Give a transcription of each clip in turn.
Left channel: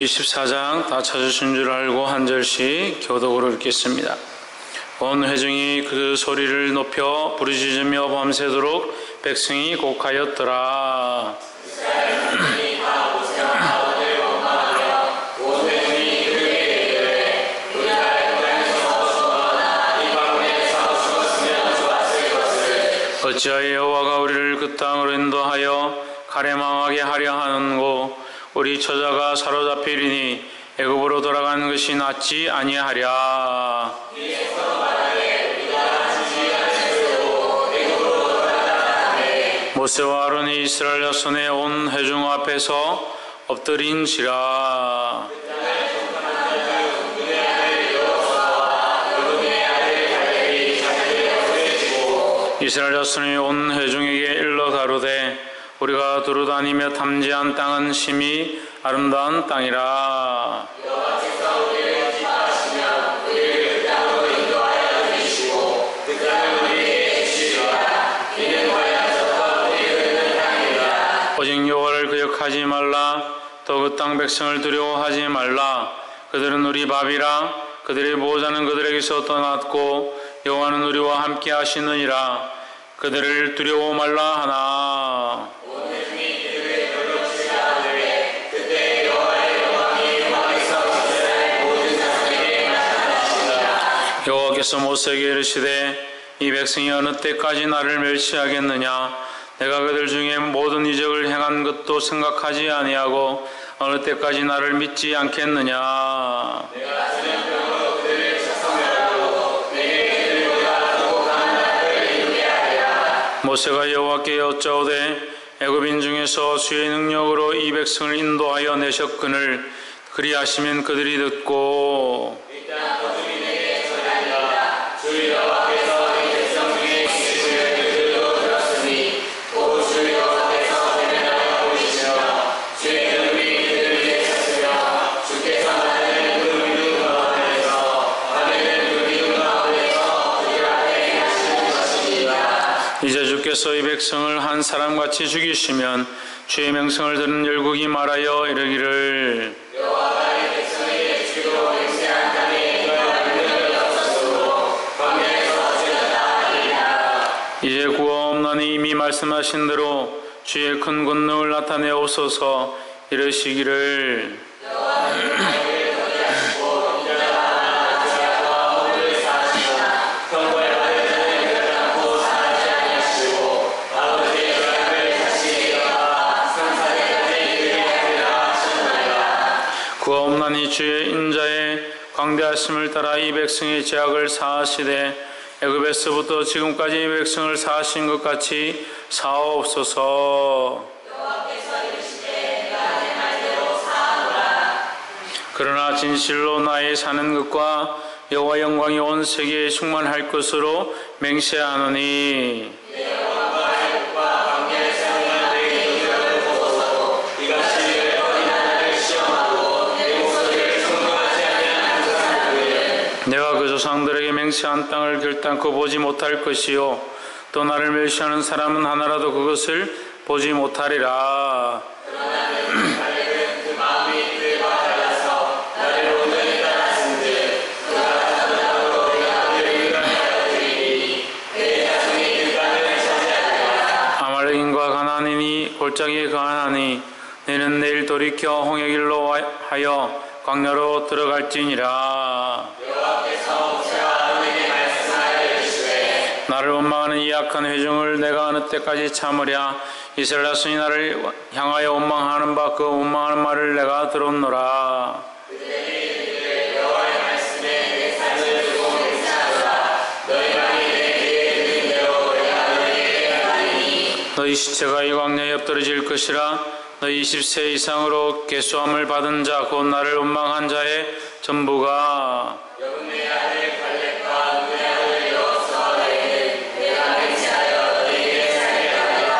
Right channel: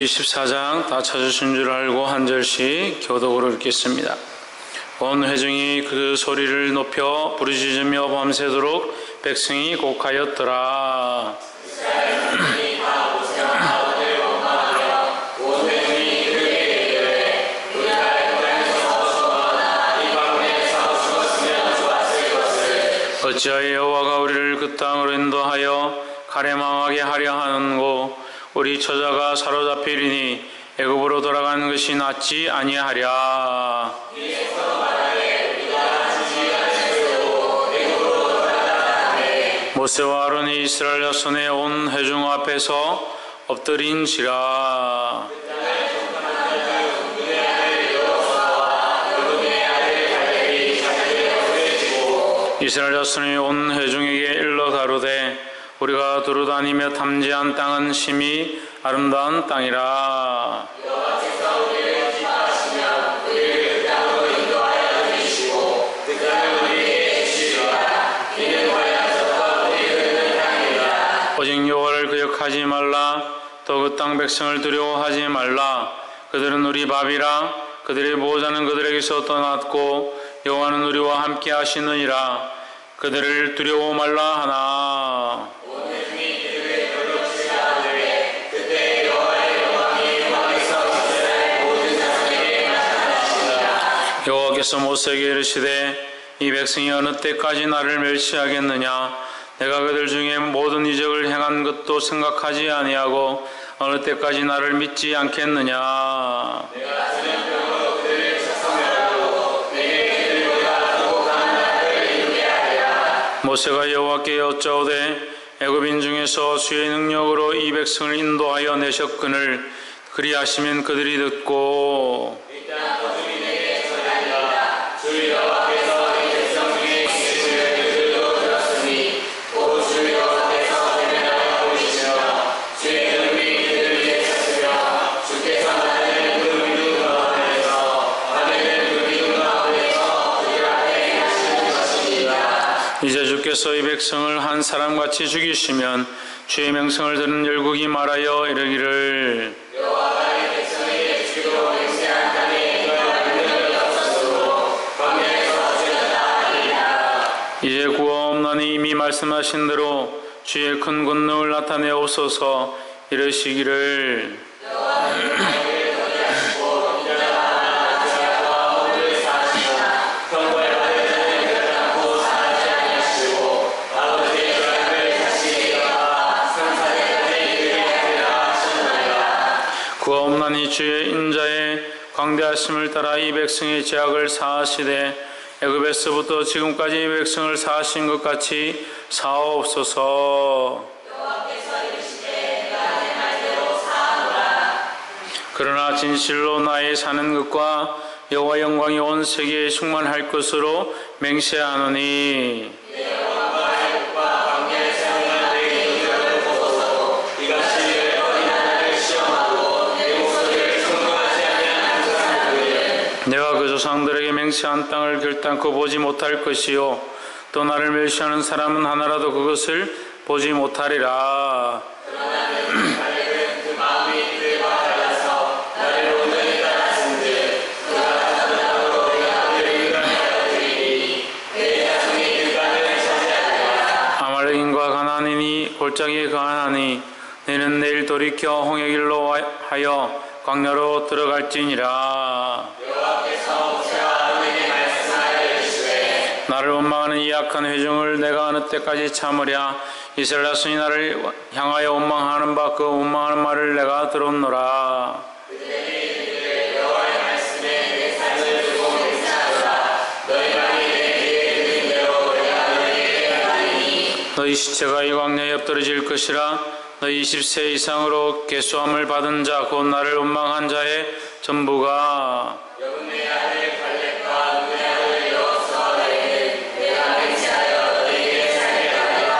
24장 다 찾으신 줄 알고 한 절씩 교독으로 읽겠습니다. 온 회중이 그 소리를 높여 부르짖으며 밤새도록 백성이 곡하였더라. 어찌하여 여호와가 우리를 그 땅으로 인도하여 가래망하게 하려 하는고? 우리 처자가 사로잡히리니 애굽으로 돌아가는 것이 낫지 아니하랴. 모세와 아론이 이스라엘 자손의 온 회중 앞에서 엎드린지라. 이스라엘 자손이 온 회중에게 일러 가로되 우리가 두루다니며 탐지한 땅은 심히 아름다운 땅이라. 여호와께서 우리를 기뻐하시며 우리를 그 땅으로 인도하여 주시고 그 땅을 우리에게 주시리라. 이는 광야에서부터 우리를 얻는 땅이라. 오직 여호와를 거역하지 말라. 또 그 땅 백성을 두려워하지 말라. 그들은 우리 밥이라. 그들의 보호자는 그들에게서 떠났고 여호와는 우리와 함께 하시느니라. 그들을 두려워 말라 하나. 여호와께서 모세에게 이르시되 이 백성이 어느 때까지 나를 멸시하겠느냐? 내가 그들 중에 모든 이적을 행한 것도 생각하지 아니하고 어느 때까지 나를 믿지 않겠느냐? 내가 전염병으로 그들을 책성하고 내게 그들보다 더욱한 나를 이루게 하리라. 모세가 여호와께 여짜오되 애굽인 중에서 주의 능력으로 이 백성을 인도하여 내셨거늘 그리하시면 그들이 듣고 이제 주께서 이 백성을 한 사람같이 죽이시면 주의 명성을 들은 열국이 말하여 이르기를 여호와가 이 백성에게 주기로 맹세한 땅에 그들을 없었으므로 광야에서 지었다 하리라. 이제 구하옵나니 이미 말씀하신 대로 주의 큰 권능을 나타내옵소서. 이르시기를 구하옵나니 주의 인자의 광대하심을 따라 이 백성의 죄악을 사하시되 애굽에서부터 지금까지 이 백성을 사하신 것 같이 사하옵소서. 그러나 진실로 나의 사는 것과 여호와 영광이 온 세계에 충만할 것으로 맹세하노니 내가 그 조상들에게 맹세한 땅을 결단코 보지 못할 것이요 또 나를 멸시하는 사람은 하나라도 그것을 보지 못하리라. 아말렉인과 가나안인이 골짜기에 거하나니 너희는 내일 돌이켜 홍해 길로 하여 광야로 들어갈지니라. 여호와께서 모세와 아론에게 말씀하여 이르시되 나를 원망하는 이 악한 회중을 내가 어느 때까지 참으랴? 이스라엘 자손이 나를 향하여 원망하는 바 그 원망하는 말을 내가 들었노라. 그들이 여호와의 말씀에 내 삶을 두고 맹세하노라. 너희가 내 귀에 듣는 대로 내가 너희에게 하리니 너희 시체가 이 광야에 엎드러질 것이라. 너희 20세 이상으로 계수함을 받은 자 곧 나를 원망한 자의 전부가 여분의 아들 갈렙과 눈의 아들 여호수아 너희는 내가 맹세하여 너희에게 살게 하리라.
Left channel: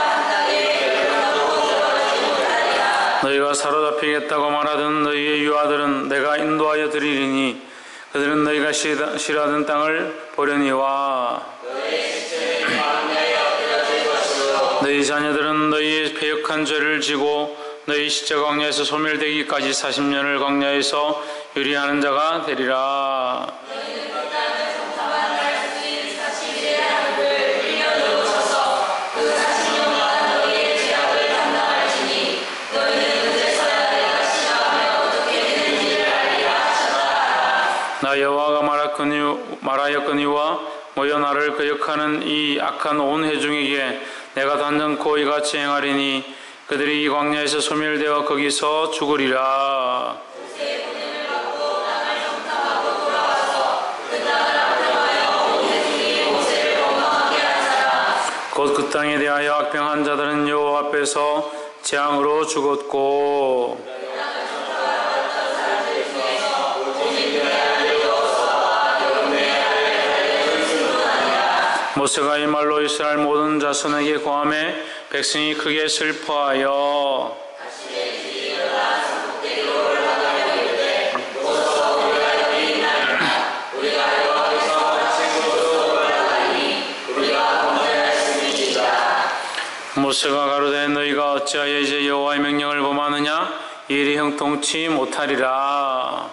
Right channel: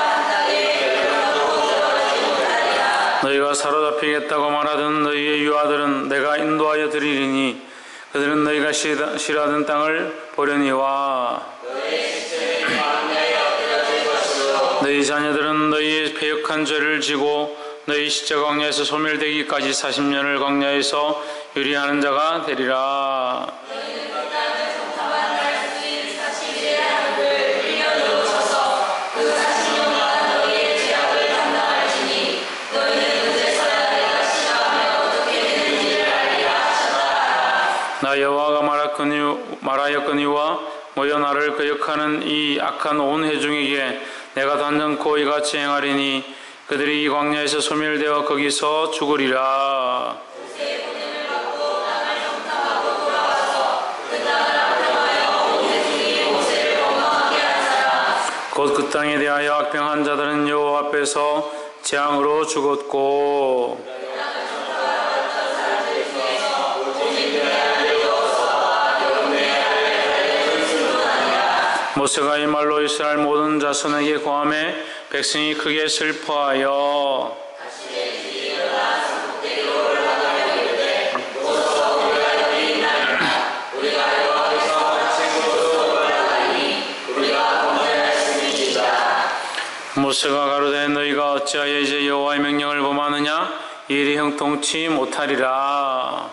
너희가 사로잡히겠다고 말하던 너희의 유아들은 내가 인도하여 드리리니 그들은 너희가 싫어하던 땅을 보려니와 너희 자녀들은 너희의 패역한 죄를 지고 너희 시체 광야에서 소멸되기까지 40년을 광야에서 유리하는 자가 되리라. 나 여호와가 말하였거니와 모여 나를 거역하는 이 악한 온 회중에게 내가 단정코 이같이 행하리니 그들이 이 광야에서 소멸되어 거기서 죽으리라. 곧 그 땅에 대하여 악평한 자들은 여호와 앞에서 재앙으로 죽었고 모세가 이 말로 이스라엘 모든 자손에게 고하매 백성이 크게 슬퍼하여 모세가 가로되 너희가 어찌하여 이제 여호와의 명령을 범하느냐 이 일이 형통치 못하리라.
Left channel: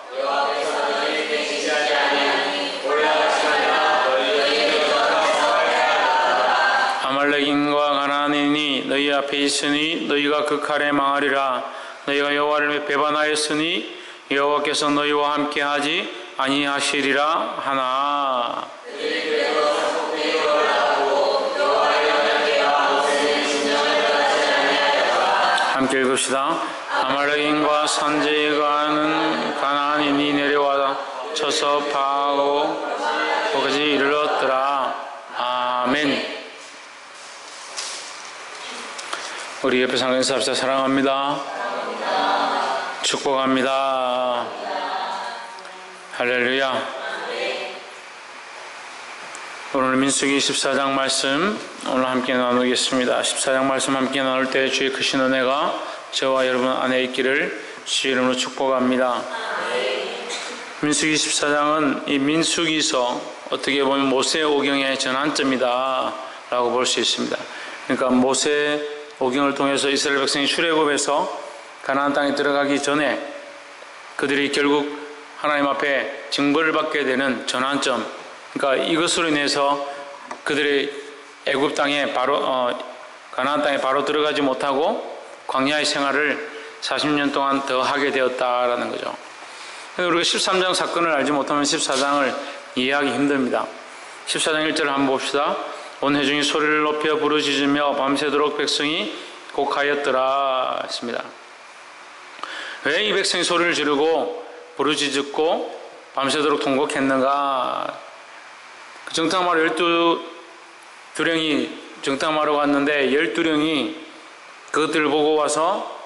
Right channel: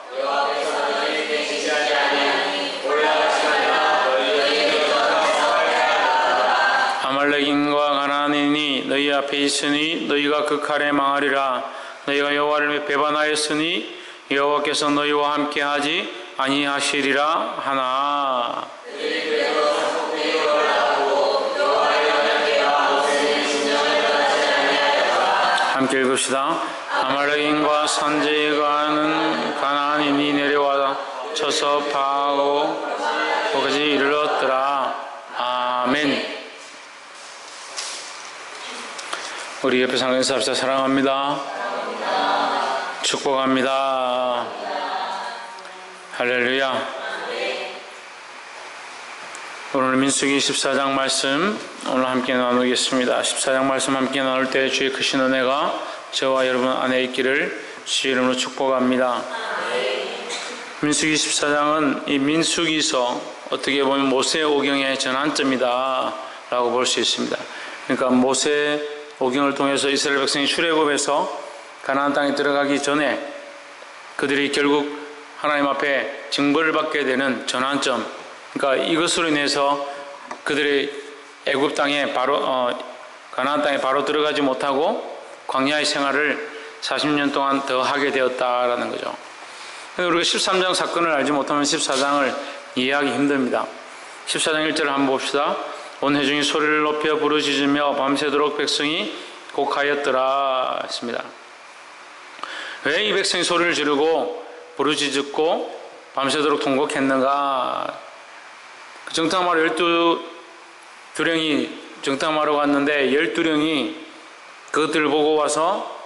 아말렉인과 가나안인이 너희 앞에 있으니 너희가 그 칼에 망하리라. 너희가 여호와를 배반하였으니 여호와께서 너희와 함께하지 아니하시리라 하나. 함께 읽읍시다. 아말렉인과 산지에 가는 가나안인이 내려와 쳐서 파하고 거기까지 이르렀더라. 아멘. 우리 옆에 상에서 합시다. 사랑합니다. 축복합니다. 할렐루야. 오늘 민수기 14장 말씀 오늘 함께 나누겠습니다. 14장 말씀 함께 나눌 때 주의 크신 은혜가 저와 여러분 안에 있기를 주의 이름으로 축복합니다. 민수기 14장은 이 민수기서 어떻게 보면 모세 오경의 전환점이다 라고 볼 수 있습니다. 그러니까 모세 오경을 통해서 이스라엘 백성이 출애굽해서 가나안 땅에 들어가기 전에 그들이 결국 하나님 앞에 징벌을 받게 되는 전환점, 그러니까 이것으로 인해서 그들이 애굽 땅에 가나안 땅에 바로 들어가지 못하고 광야의 생활을 40년 동안 더 하게 되었다라는 거죠. 우리가 13장 사건을 알지 못하면 14장을 이해하기 힘듭니다. 14장 1절을 한번 봅시다. 온 회중이 소리를 높여 부르짖으며 밤새도록 백성이 곡하였더라 했습니다. 왜 이 백성이 소리를 지르고 부르짖었고 밤새도록 통곡했는가? 정탐하러 12령이 정탐하러 갔는데 12령이 그것들을 보고 와서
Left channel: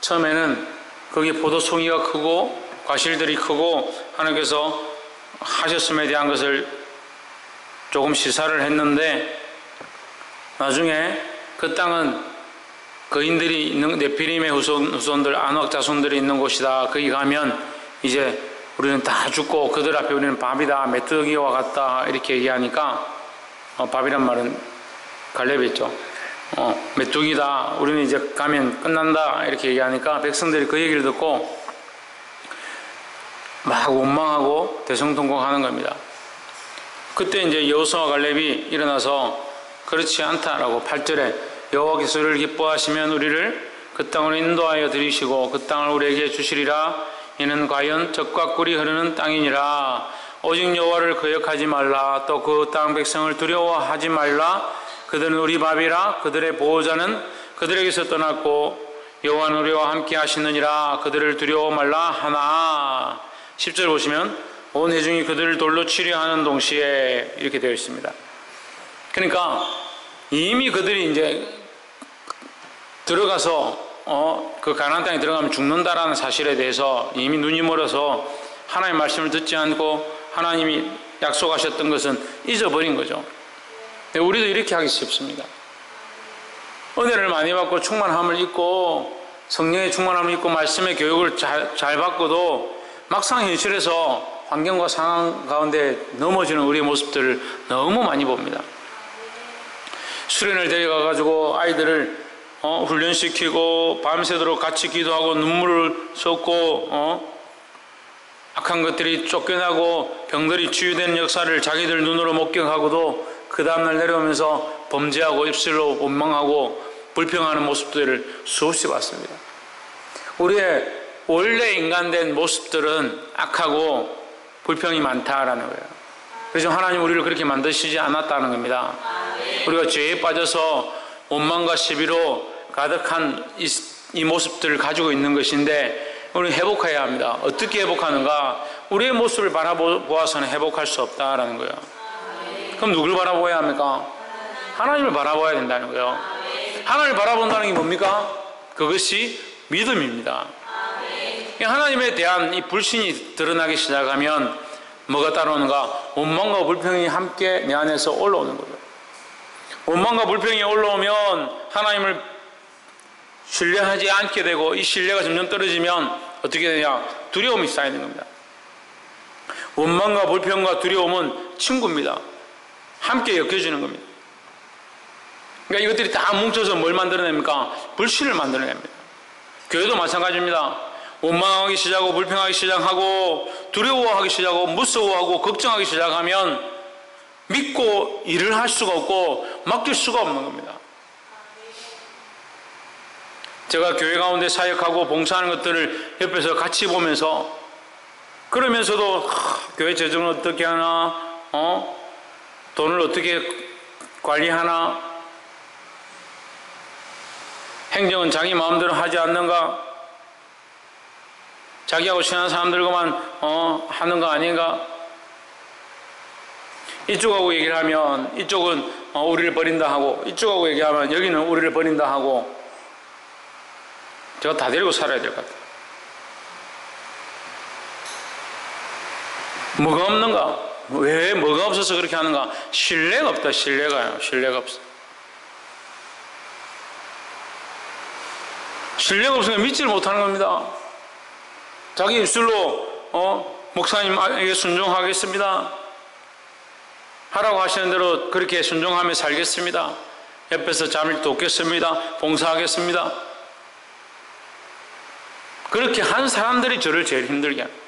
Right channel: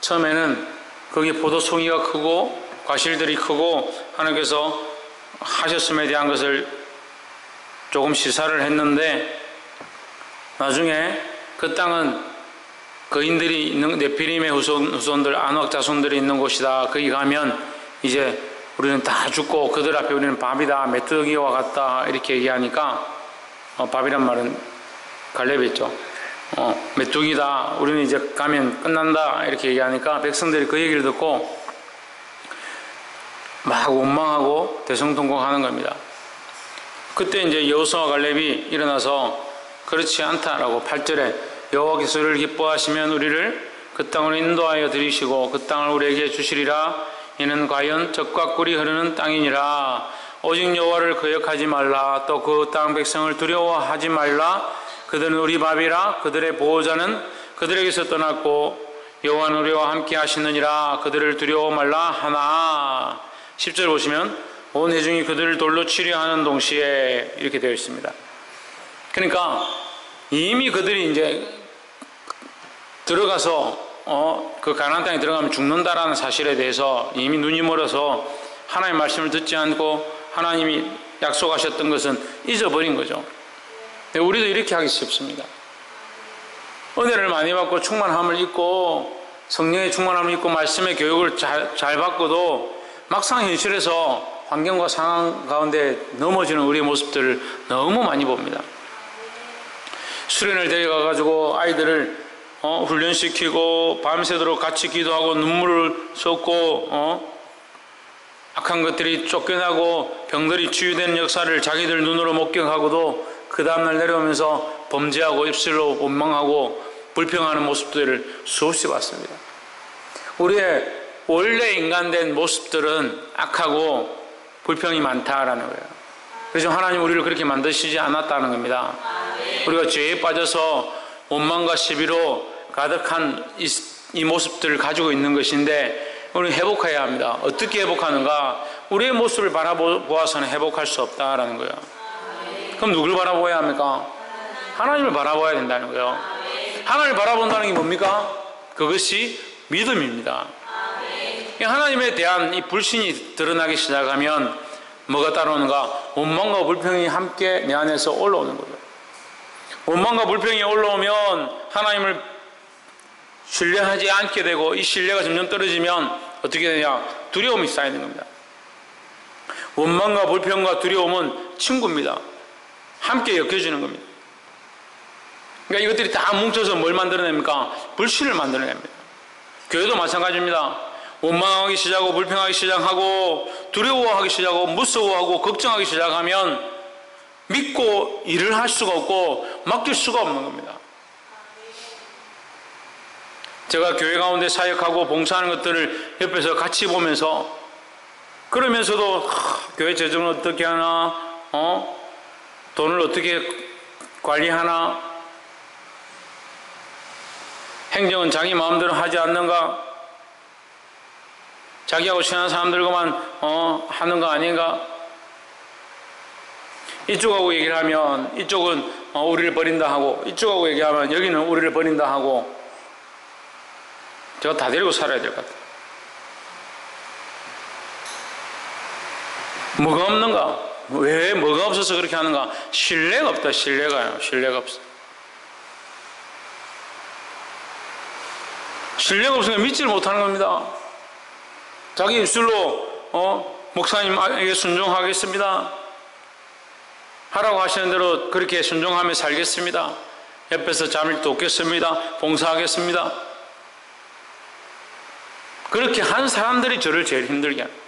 처음에는 거기 포도송이가 크고 과실들이 크고 하나님께서 하셨음에 대한 것을 조금 시사를 했는데 나중에 그 땅은 거인들이 있는 네피림의 후손들 안악 자손들이 있는 곳이다. 거기 가면 이제 우리는 다 죽고 그들 앞에 우리는 밥이다 메뚜기와 같다 이렇게 얘기하니까 밥이란 말은 갈렙이죠. 메뚜기다 우리는 이제 가면 끝난다 이렇게 얘기하니까 백성들이 그 얘기를 듣고 막 원망하고 대성통곡하는 겁니다. 그때 이제 여호수아와 갈렙이 일어나서 그렇지 않다라고 8절에 여호와께서 우리를 기뻐하시면 우리를 그 땅으로 인도하여 들이시고 그 땅을 우리에게 주시리라. 이는 과연 젖과 꿀이 흐르는 땅이니라. 오직 여호와를 거역하지 말라. 또 그 땅 백성을 두려워하지 말라. 그들은 우리 밥이라. 그들의 보호자는 그들에게서 떠났고 여호와는 우리와 함께 하시느니라. 그들을 두려워 말라 하나. 10절 보시면 온 회중이 그들을 돌로 치려 하는 동시에 이렇게 되어 있습니다. 그러니까 이미 그들이 이제 들어가서 그 가나안 땅에 들어가면 죽는다라는 사실에 대해서 이미 눈이 멀어서 하나님의 말씀을 듣지 않고 하나님이 약속하셨던 것은 잊어버린 거죠. 우리도 이렇게 하기 쉽습니다. 은혜를 많이 받고 충만함을 입고 성령의 충만함을 입고 말씀의 교육을 잘 받고도 막상 현실에서 환경과 상황 가운데 넘어지는 우리의 모습들을 너무 많이 봅니다. 수련을 데려가가지고 아이들을 훈련시키고 밤새도록 같이 기도하고 눈물을 쏟고 악한 것들이 쫓겨나고 병들이 치유되는 역사를 자기들 눈으로 목격하고도 그 다음날 내려오면서 범죄하고 입술로 원망하고 불평하는 모습들을 수없이 봤습니다. 우리의 원래 인간된 모습들은 악하고 불평이 많다라는 거예요. 그래서 하나님 우리를 그렇게 만드시지 않았다는 겁니다. 우리가 죄에 빠져서 원망과 시비로 가득한 이 모습들을 가지고 있는 것인데 우리는 회복해야 합니다. 어떻게 회복하는가? 우리의 모습을 바라보아서는 회복할 수 없다라는 거예요. 그럼 누굴 바라보아야 합니까? 하나님을 바라보아야 된다는 거예요. 하나님을 바라본다는 게 뭡니까? 그것이 믿음입니다. 하나님에 대한 이 불신이 드러나기 시작하면 뭐가 따라오는가? 원망과 불평이 함께 내 안에서 올라오는 거죠. 원망과 불평이 올라오면 하나님을 신뢰하지 않게 되고 이 신뢰가 점점 떨어지면 어떻게 되냐? 두려움이 쌓이는 겁니다. 원망과 불평과 두려움은 친구입니다. 함께 엮여지는 겁니다. 그러니까 이것들이 다 뭉쳐서 뭘 만들어냅니까? 불신을 만들어냅니다. 교회도 마찬가지입니다. 원망하기 시작하고 불평하기 시작하고 두려워하기 시작하고 무서워하고 걱정하기 시작하면 믿고 일을 할 수가 없고 맡길 수가 없는 겁니다. 제가 교회 가운데 사역하고 봉사하는 것들을 옆에서 같이 보면서 그러면서도 교회 재정을 어떻게 하나 돈을 어떻게 관리하나 행정은 자기 마음대로 하지 않는가 자기하고 친한 사람들과만 하는 거 아닌가 이쪽하고 얘기를 하면 이쪽은 우리를 버린다 하고 이쪽하고 얘기하면 여기는 우리를 버린다 하고 제가 다 데리고 살아야 될 것 같아요. 뭐가 없는가? 왜 뭐가 없어서 그렇게 하는가? 신뢰가 없다. 신뢰가요. 신뢰가 없어. 신뢰가 없으면 믿지를 못하는 겁니다. 자기 입술로 목사님에게 순종하겠습니다. 하라고 하시는 대로 그렇게 순종하며 살겠습니다. 옆에서 잠을 돕겠습니다. 봉사하겠습니다. 그렇게 한 사람들이 저를 제일 힘들게 합니다.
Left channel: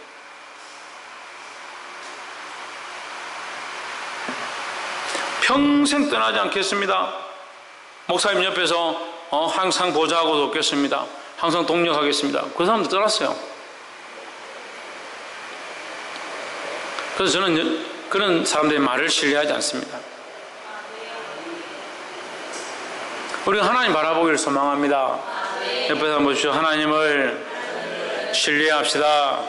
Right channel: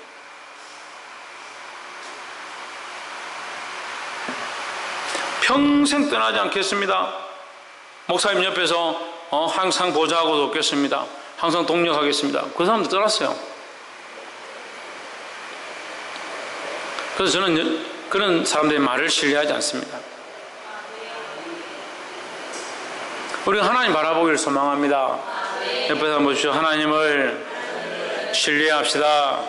평생 떠나지 않겠습니다. 목사님 옆에서 항상 보좌하고 돕겠습니다. 항상 동력하겠습니다. 그 사람도 떠났어요. 그래서 저는 그런 사람들의 말을 신뢰하지 않습니다. 우리가 하나님 바라보기를 소망합니다. 옆에서 한번 보십시오. 하나님을 신뢰합시다.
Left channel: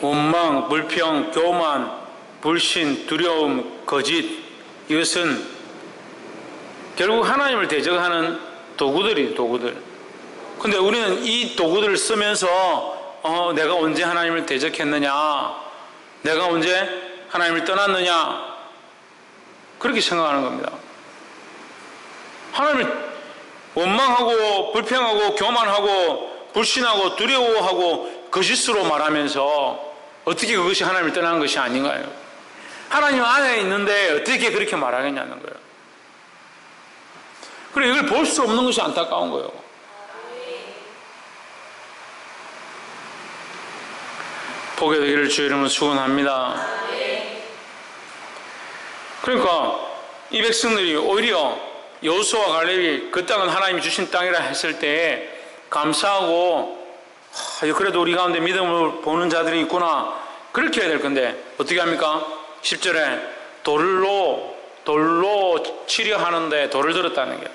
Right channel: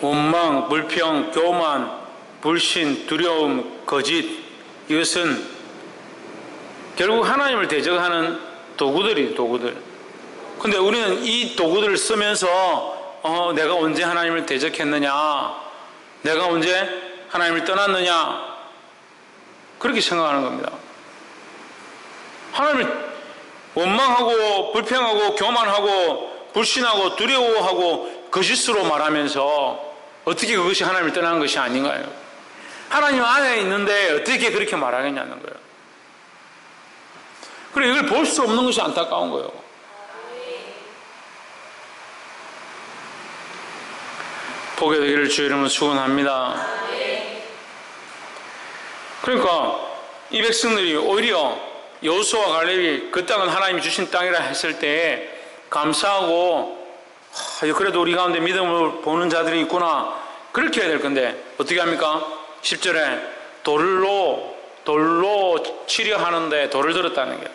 원망, 불평, 교만, 불신, 두려움, 거짓 이것은 결국 하나님을 대적하는 도구들. 근데 우리는 이 도구들을 쓰면서 내가 언제 하나님을 대적했느냐, 내가 언제 하나님을 떠났느냐 그렇게 생각하는 겁니다. 하나님을 원망하고 불평하고 교만하고 불신하고 두려워하고 거짓으로 말하면서 어떻게 그것이 하나님을 떠나는 것이 아닌가요? 하나님 안에 있는데 어떻게 그렇게 말하겠냐는 거예요. 그리고 이걸 볼 수 없는 것이 안타까운 거예요. 보게 되기를 주의 이름으로 축원합니다. 그러니까 이 백성들이 오히려 여호수아와 갈렙이 그 땅은 하나님이 주신 땅이라 했을 때 감사하고 그래도 우리 가운데 믿음을 보는 자들이 있구나 그렇게 해야 될 건데 어떻게 합니까? 10절에 돌로 치려하는데 돌을 들었다는 게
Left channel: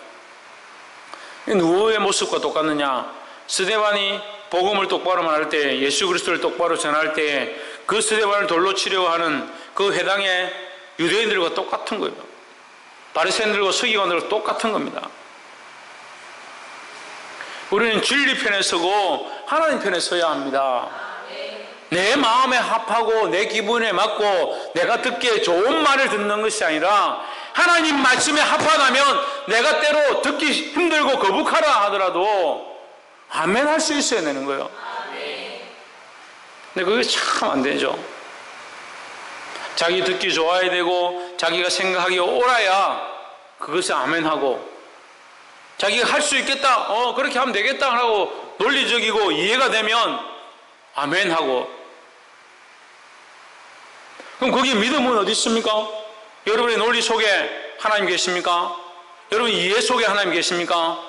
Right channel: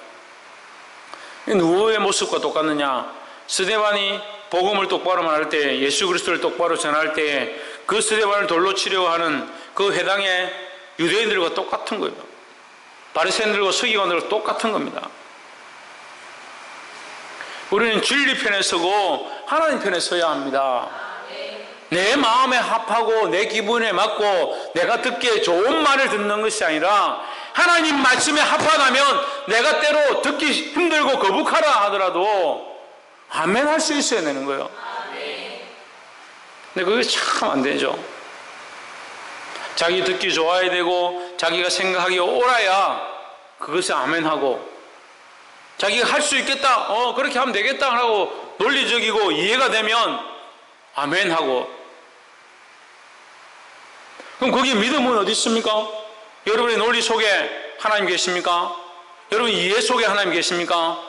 누구의 모습과 똑같느냐? 스데반이 복음을 똑바로 말할 때 예수 그리스도를 똑바로 전할 때 그 스데반을 돌로 치려고 하는 그 회당의 유대인들과 똑같은 거예요. 바리새인들과 서기관들과 똑같은 겁니다. 우리는 진리 편에 서고 하나님 편에 서야 합니다. 내 마음에 합하고 내 기분에 맞고 내가 듣기에 좋은 말을 듣는 것이 아니라 하나님 말씀에 합하다면 내가 때로 듣기 힘들고 거북하라 하더라도 아멘 할 수 있어야 되는 거예요. 근데 그게 참 안 되죠. 자기 듣기 좋아야 되고 자기가 생각하기 옳아야 그것을 아멘하고 자기가 할 수 있겠다, 그렇게 하면 되겠다 하고 논리적이고 이해가 되면 아멘 하고. 그럼 거기에 믿음은 어디 있습니까? 여러분의 논리 속에 하나님 계십니까? 여러분 이해 속에 하나님 계십니까?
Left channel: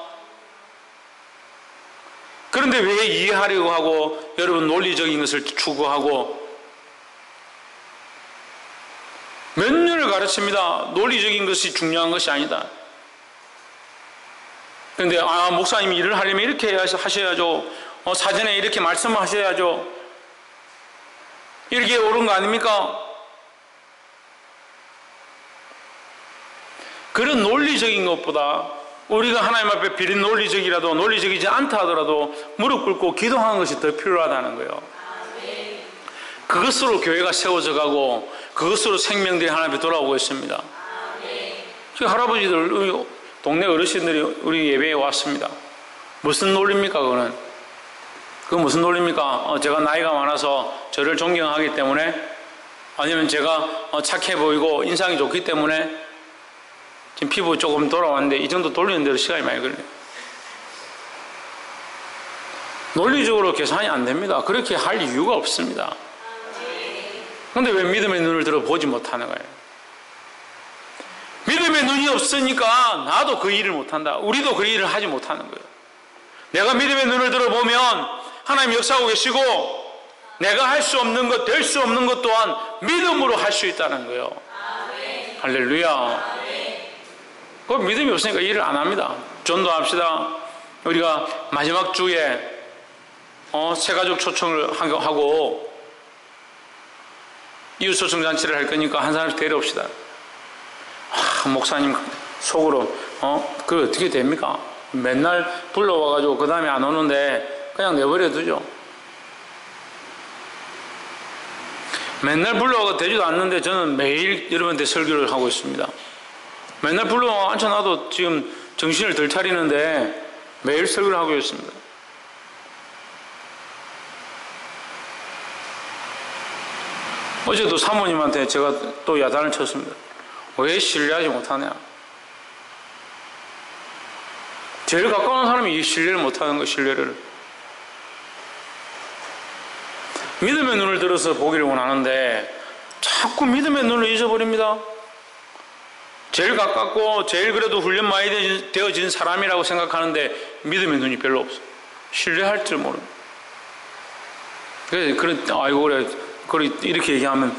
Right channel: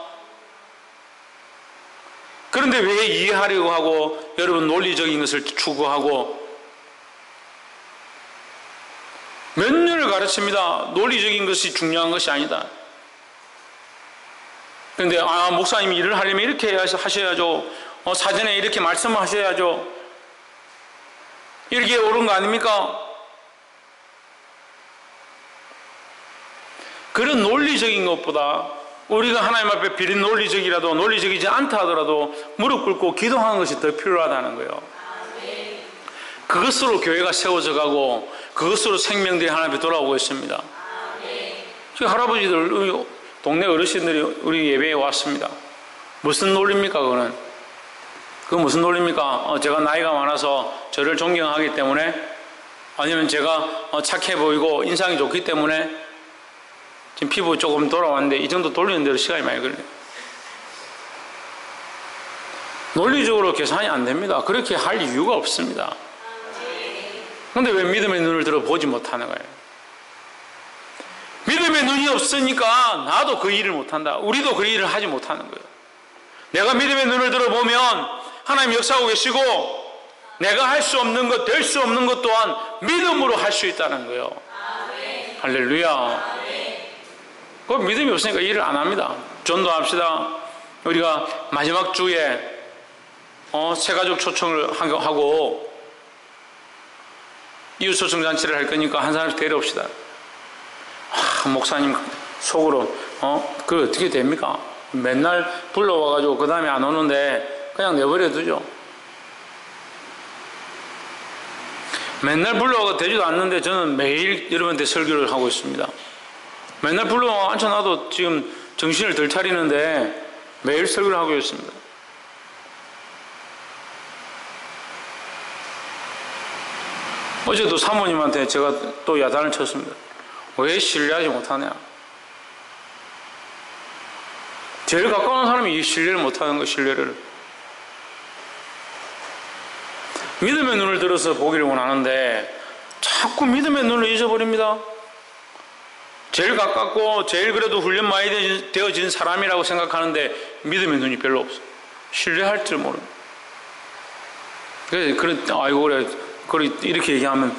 그런데 왜 이해하려고 하고 여러분 논리적인 것을 추구하고 몇 년을 가르칩니다. 논리적인 것이 중요한 것이 아니다. 그런데 목사님이 일을 하려면 이렇게 하셔야죠. 사전에 이렇게 말씀하셔야죠. 이렇게 옳은 거 아닙니까? 그런 논리적인 것보다 우리가 하나님 앞에 비린 논리적이라도 논리적이지 않다 하더라도 무릎 꿇고 기도하는 것이 더 필요하다는 거예요. 그것으로 교회가 세워져 가고 그것으로 생명들이 하나님 앞에 돌아오고 있습니다. 지금 할아버지들, 동네 어르신들이 우리 예배에 왔습니다. 무슨 논리입니까 그거는? 그건 무슨 논리입니까? 제가 나이가 많아서 저를 존경하기 때문에, 아니면 제가 착해 보이고 인상이 좋기 때문에, 지금 피부 조금 돌아왔는데 이 정도 돌리는 대로 시간이 많이 걸려요. 논리적으로 계산이 안 됩니다. 그렇게 할 이유가 없습니다. 그런데 왜 믿음의 눈을 들어 보지 못하는 거예요? 믿음의 눈이 없으니까 나도 그 일을 못한다. 우리도 그 일을 하지 못하는 거예요. 내가 믿음의 눈을 들어보면 하나님 역사하고 계시고 내가 할 수 없는 것, 될 수 없는 것 또한 믿음으로 할 수 있다는 거예요. 할렐루야. 그 믿음이 없으니까 일을 안 합니다. 전도합시다. 우리가 마지막 주에 새가족 초청을 하고 이웃 초청 잔치를 할 거니까 한 사람씩 데려옵시다. 목사님 속으로 그게 어떻게 됩니까? 맨날 불러와가지고 그 다음에 안 오는데 그냥 내버려 두죠. 맨날 불러와가 되지도 않는데 저는 매일 여러분한테 설교를 하고 있습니다. 맨날 불러와 앉혀놔도 지금 정신을 덜 차리는데 매일 설교를 하고 있습니다. 어제도 사모님한테 제가 또 야단을 쳤습니다. 왜 신뢰하지 못하냐? 제일 가까운 사람이 이 신뢰를 못하는 거, 신뢰를. 믿음의 눈을 들어서 보기를 원하는데 자꾸 믿음의 눈을 잊어버립니다. 제일 가깝고 제일 그래도 훈련 많이 되어진 사람이라고 생각하는데 믿음의 눈이 별로 없어. 신뢰할 줄 모릅니다. 그래 이렇게 얘기하면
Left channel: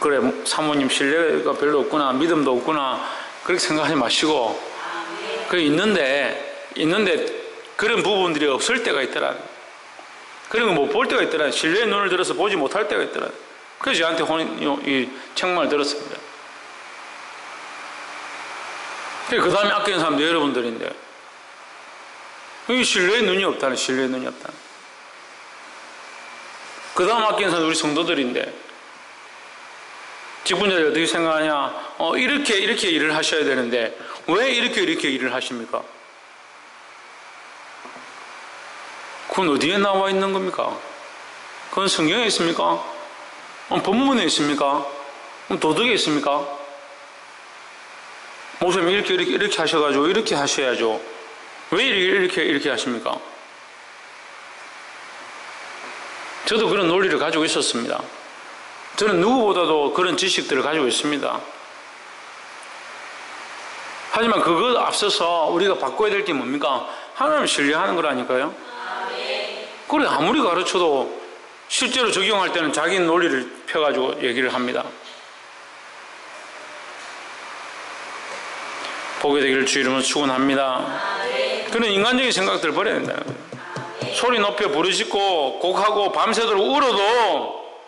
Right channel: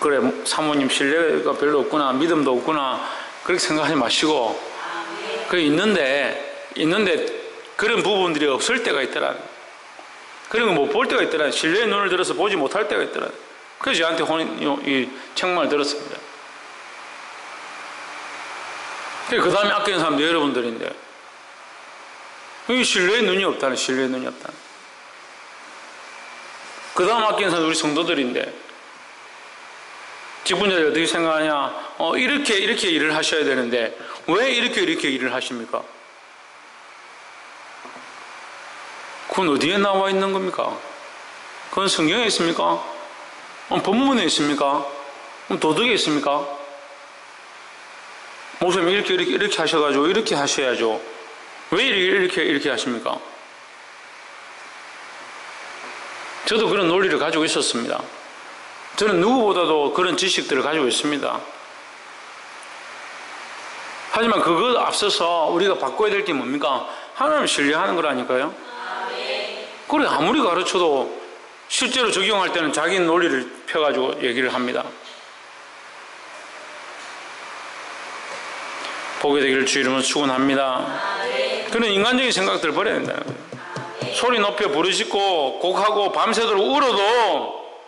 그래 사모님 신뢰가 별로 없구나, 믿음도 없구나, 그렇게 생각하지 마시고, 그래 있는데 그런 부분들이 없을 때가 있더라. 그런 거 못 볼 때가 있더라. 신뢰의 눈을 들어서 보지 못할 때가 있더라. 그래서 저한테 이 책망을 들었습니다. 그 다음에 아끼는 사람도 여러분들인데, 이 신뢰의 눈이 없다는, 신뢰의 눈이 없다는. 그 다음 아끼는 사람도 우리 성도들인데, 직분자들이 어떻게 생각하냐? 이렇게 일을 하셔야 되는데, 왜 이렇게 일을 하십니까? 그건 어디에 나와 있는 겁니까? 그건 성경에 있습니까? 본문에 있습니까? 도덕에 있습니까? 목사님 이렇게 하셔가지고 이렇게 하셔야죠. 왜 이렇게 하십니까? 저도 그런 논리를 가지고 있었습니다. 저는 누구보다도 그런 지식들을 가지고 있습니다. 하지만 그것 앞서서 우리가 바꿔야 될 게 뭡니까? 하나님을 신뢰하는 거라니까요. 그래 아무리 가르쳐도 실제로 적용할 때는 자기 논리를 펴가지고 얘기를 합니다. 보게 되기를 주 이름으로 축원합니다. 그런 인간적인 생각들을 버려야 된다는 거예요. 소리 높여 부르짖고 곡하고 밤새도록 울어도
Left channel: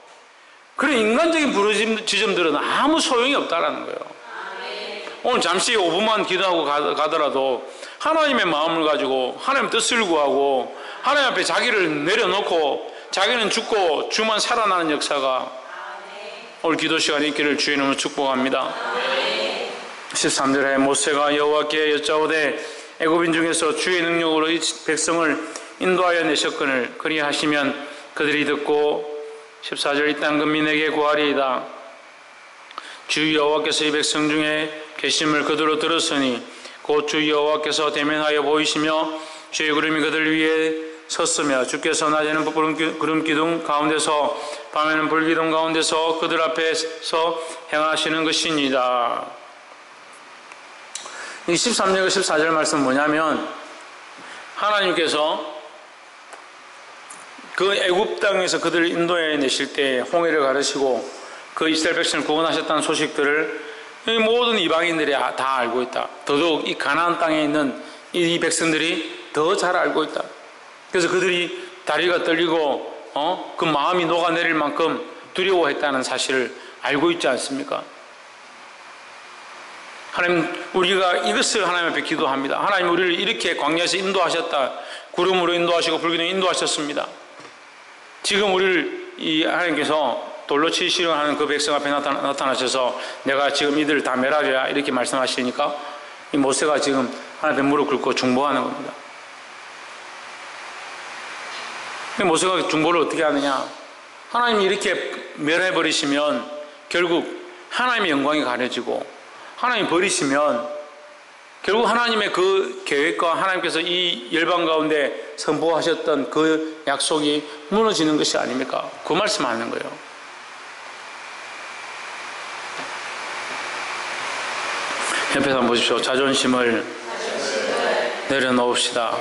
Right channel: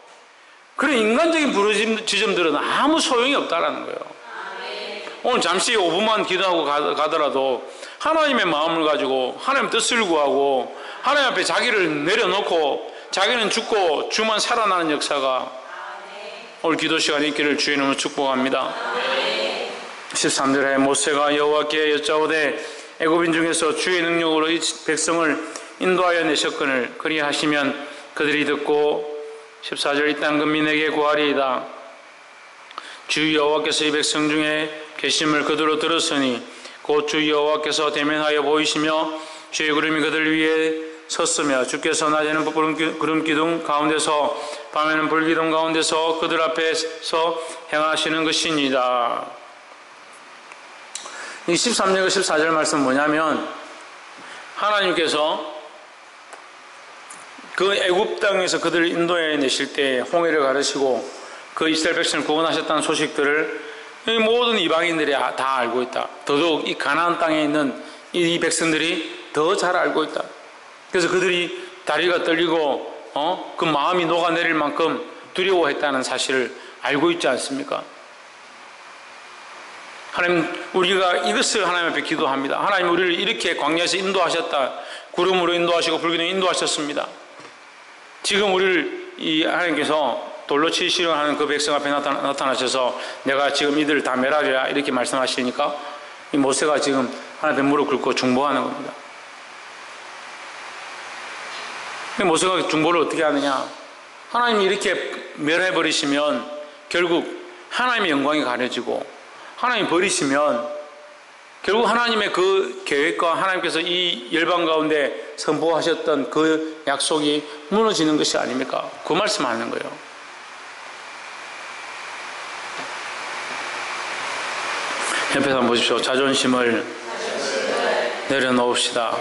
그런 인간적인 부르짖음들은 아무 소용이 없다라는 거예요. 오늘 잠시 5분만 기도하고 가더라도 하나님의 마음을 가지고 하나님 뜻을 구하고 하나님 앞에 자기를 내려놓고 자기는 죽고 주만 살아나는 역사가 오늘 기도 시간에 있기를 주의 이름으로 축복합니다. 13절에 모세가 여호와께 여짜오되 애굽인 중에서 주의 능력으로 이 백성을 인도하여 내셨거늘 그리하시면 그들이 듣고 14절 이 땅 근민에게 구하리이다. 주 여호와께서 이 백성 중에 계심을 그대로 들었으니 곧 주 여호와께서 대면하여 보이시며 주의 구름이 그들 위에 섰으며 주께서 낮에는 구름기둥 가운데서 밤에는 불기둥 가운데서 그들 앞에서 행하시는 것이니이다. 이 13절 14절 말씀은 뭐냐면 하나님께서 그 애굽 땅에서 그들을 인도해 내실 때 홍해를 가르시고 그 이스라엘 백성을 구원하셨다는 소식들을 이 모든 이방인들이 다 알고 있다. 더더욱 이 가나안 땅에 있는 이 백성들이 더 잘 알고 있다. 그래서 그들이 다리가 떨리고 그 마음이 녹아내릴 만큼 두려워했다는 사실을 알고 있지 않습니까? 하나님, 우리가 이것을 하나님 앞에 기도합니다. 하나님, 우리를 이렇게 광야에서 인도하셨다. 구름으로 인도하시고 불기둥으로 인도하셨습니다. 지금 우리를 이 하나님께서 돌로 치시려 하는 그 백성 앞에 나타나셔서 내가 지금 이들을 다 멸하리라 이렇게 말씀하시니까 이 모세가 지금 하나님 앞에 무릎 꿇고 중보하는 겁니다. 모세가 중보를 어떻게 하느냐? 하나님이 이렇게 멸해버리시면 결국 하나님의 영광이 가려지고 하나님 버리시면 결국 하나님의 그 계획과 하나님께서 이 열방 가운데 선포하셨던 그 약속이 무너지는 것이 아닙니까? 그 말씀하는 거예요. 옆에서 한번 보십시오. 자존심을 내려놓읍시다.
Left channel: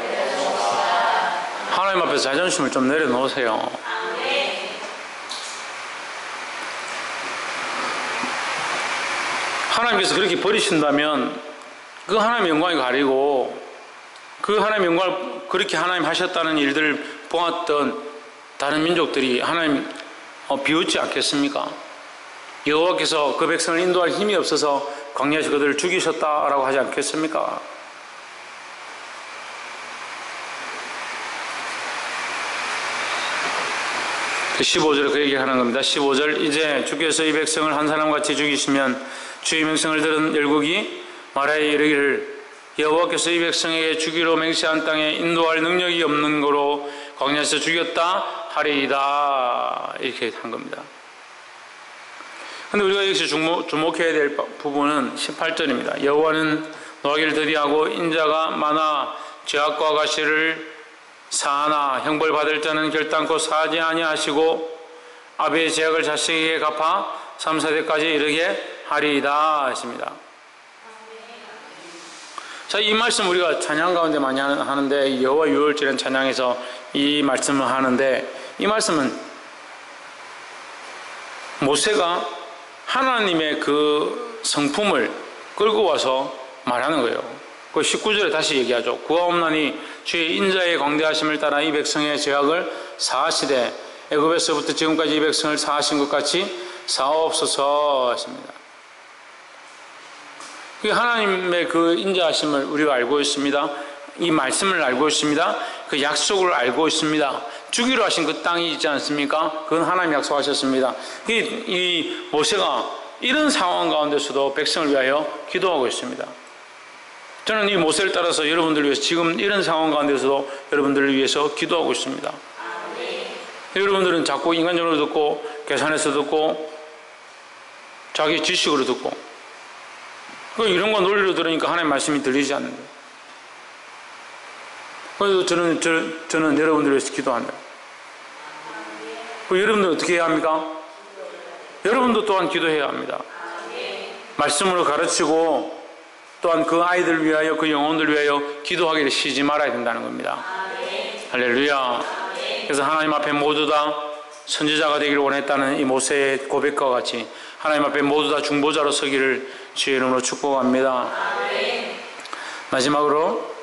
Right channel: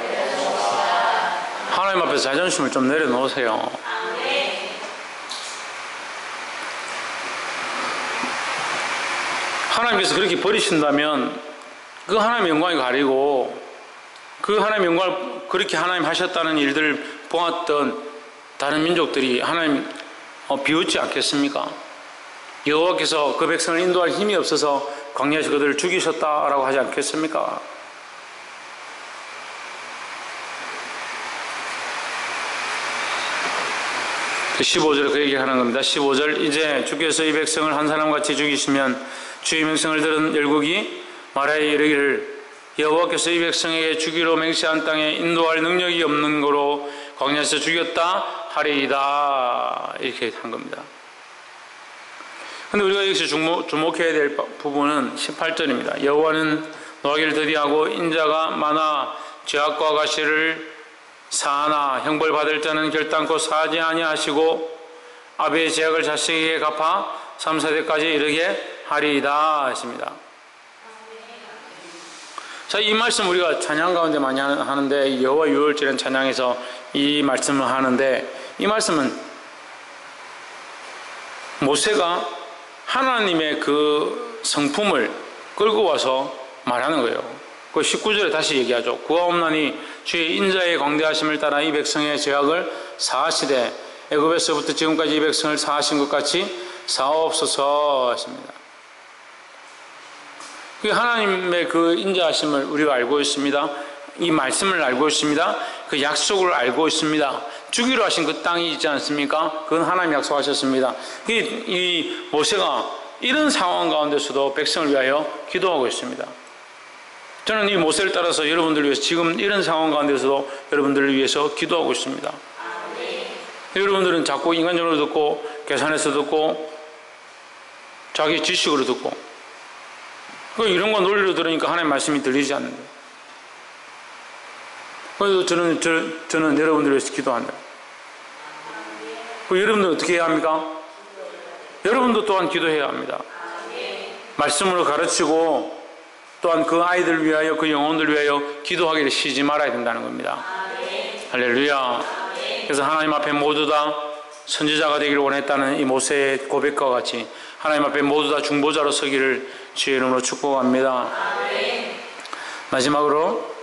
하나님 앞에서 자존심을 좀 내려놓으세요. 하나님께서 그렇게 버리신다면 그 하나님의 영광이 가리고 그 하나님의 영광을 그렇게 하나님 하셨다는 일들을 보았던 다른 민족들이 하나님 비웃지 않겠습니까? 여호와께서 그 백성을 인도할 힘이 없어서 광야에서 그들을 죽이셨다라고 하지 않겠습니까? 그 15절에 그 얘기하는 겁니다. 15절 이제 주께서 이 백성을 한 사람같이 죽이시면 주의 명성을 들은 열국이 말하여 이르기를 여호와께서 이 백성에게 주기로 맹세한 땅에 인도할 능력이 없는 거로 광야에서 죽였다 하리이다 이렇게 한 겁니다. 그런데 우리가 여기서 주목해야 될 부분은 18절입니다. 여호와는 노하기를 더디하고 인자가 많아 죄악과 가시를 사하나 형벌 받을 자는 결단코 사하지 아니하시고 아비의 죄악을 자식에게 갚아 3, 4대까지 이르게 하리이다 했습니다. 자, 이 말씀 우리가 찬양 가운데 많이 하는데 여호와 유월절엔 찬양에서 이 말씀을 하는데 이 말씀은 모세가 하나님의 그 성품을 끌고 와서 말하는 거예요. 그 19절에 다시 얘기하죠. 구하옵나니 주의 인자의 광대하심을 따라 이 백성의 죄악을 사하시되 애굽에서부터 지금까지 이 백성을 사하신 것 같이 사옵소서 하십니다. 하나님의 그 인자하심을 우리가 알고 있습니다. 이 말씀을 알고 있습니다. 그 약속을 알고 있습니다. 주기로 하신 그 땅이 있지 않습니까? 그건 하나님 약속하셨습니다. 이 모세가 이런 상황 가운데서도 백성을 위하여 기도하고 있습니다. 저는 이 모세를 따라서 여러분들을 위해서 지금 이런 상황 가운데서도 여러분들을 위해서 기도하고 있습니다. 여러분들은 자꾸 인간적으로 듣고 계산해서 듣고 자기 지식으로 듣고 이런 거 논리로 들으니까 하나님 말씀이 들리지 않는 거예요. 그래서 저는 여러분들을 위해서 기도합니다. 여러분들은 어떻게 해야 합니까? 여러분도 또한 기도해야 합니다. 말씀으로 가르치고 또한 그 아이들 위하여 그 영혼들 위하여 기도하기를 쉬지 말아야 된다는 겁니다. 할렐루야. 그래서 하나님 앞에 모두 다 선지자가 되기를 원했다는 이 모세의 고백과 같이 하나님 앞에 모두 다 중보자로 서기를 주의 이름으로 축복합니다. 마지막으로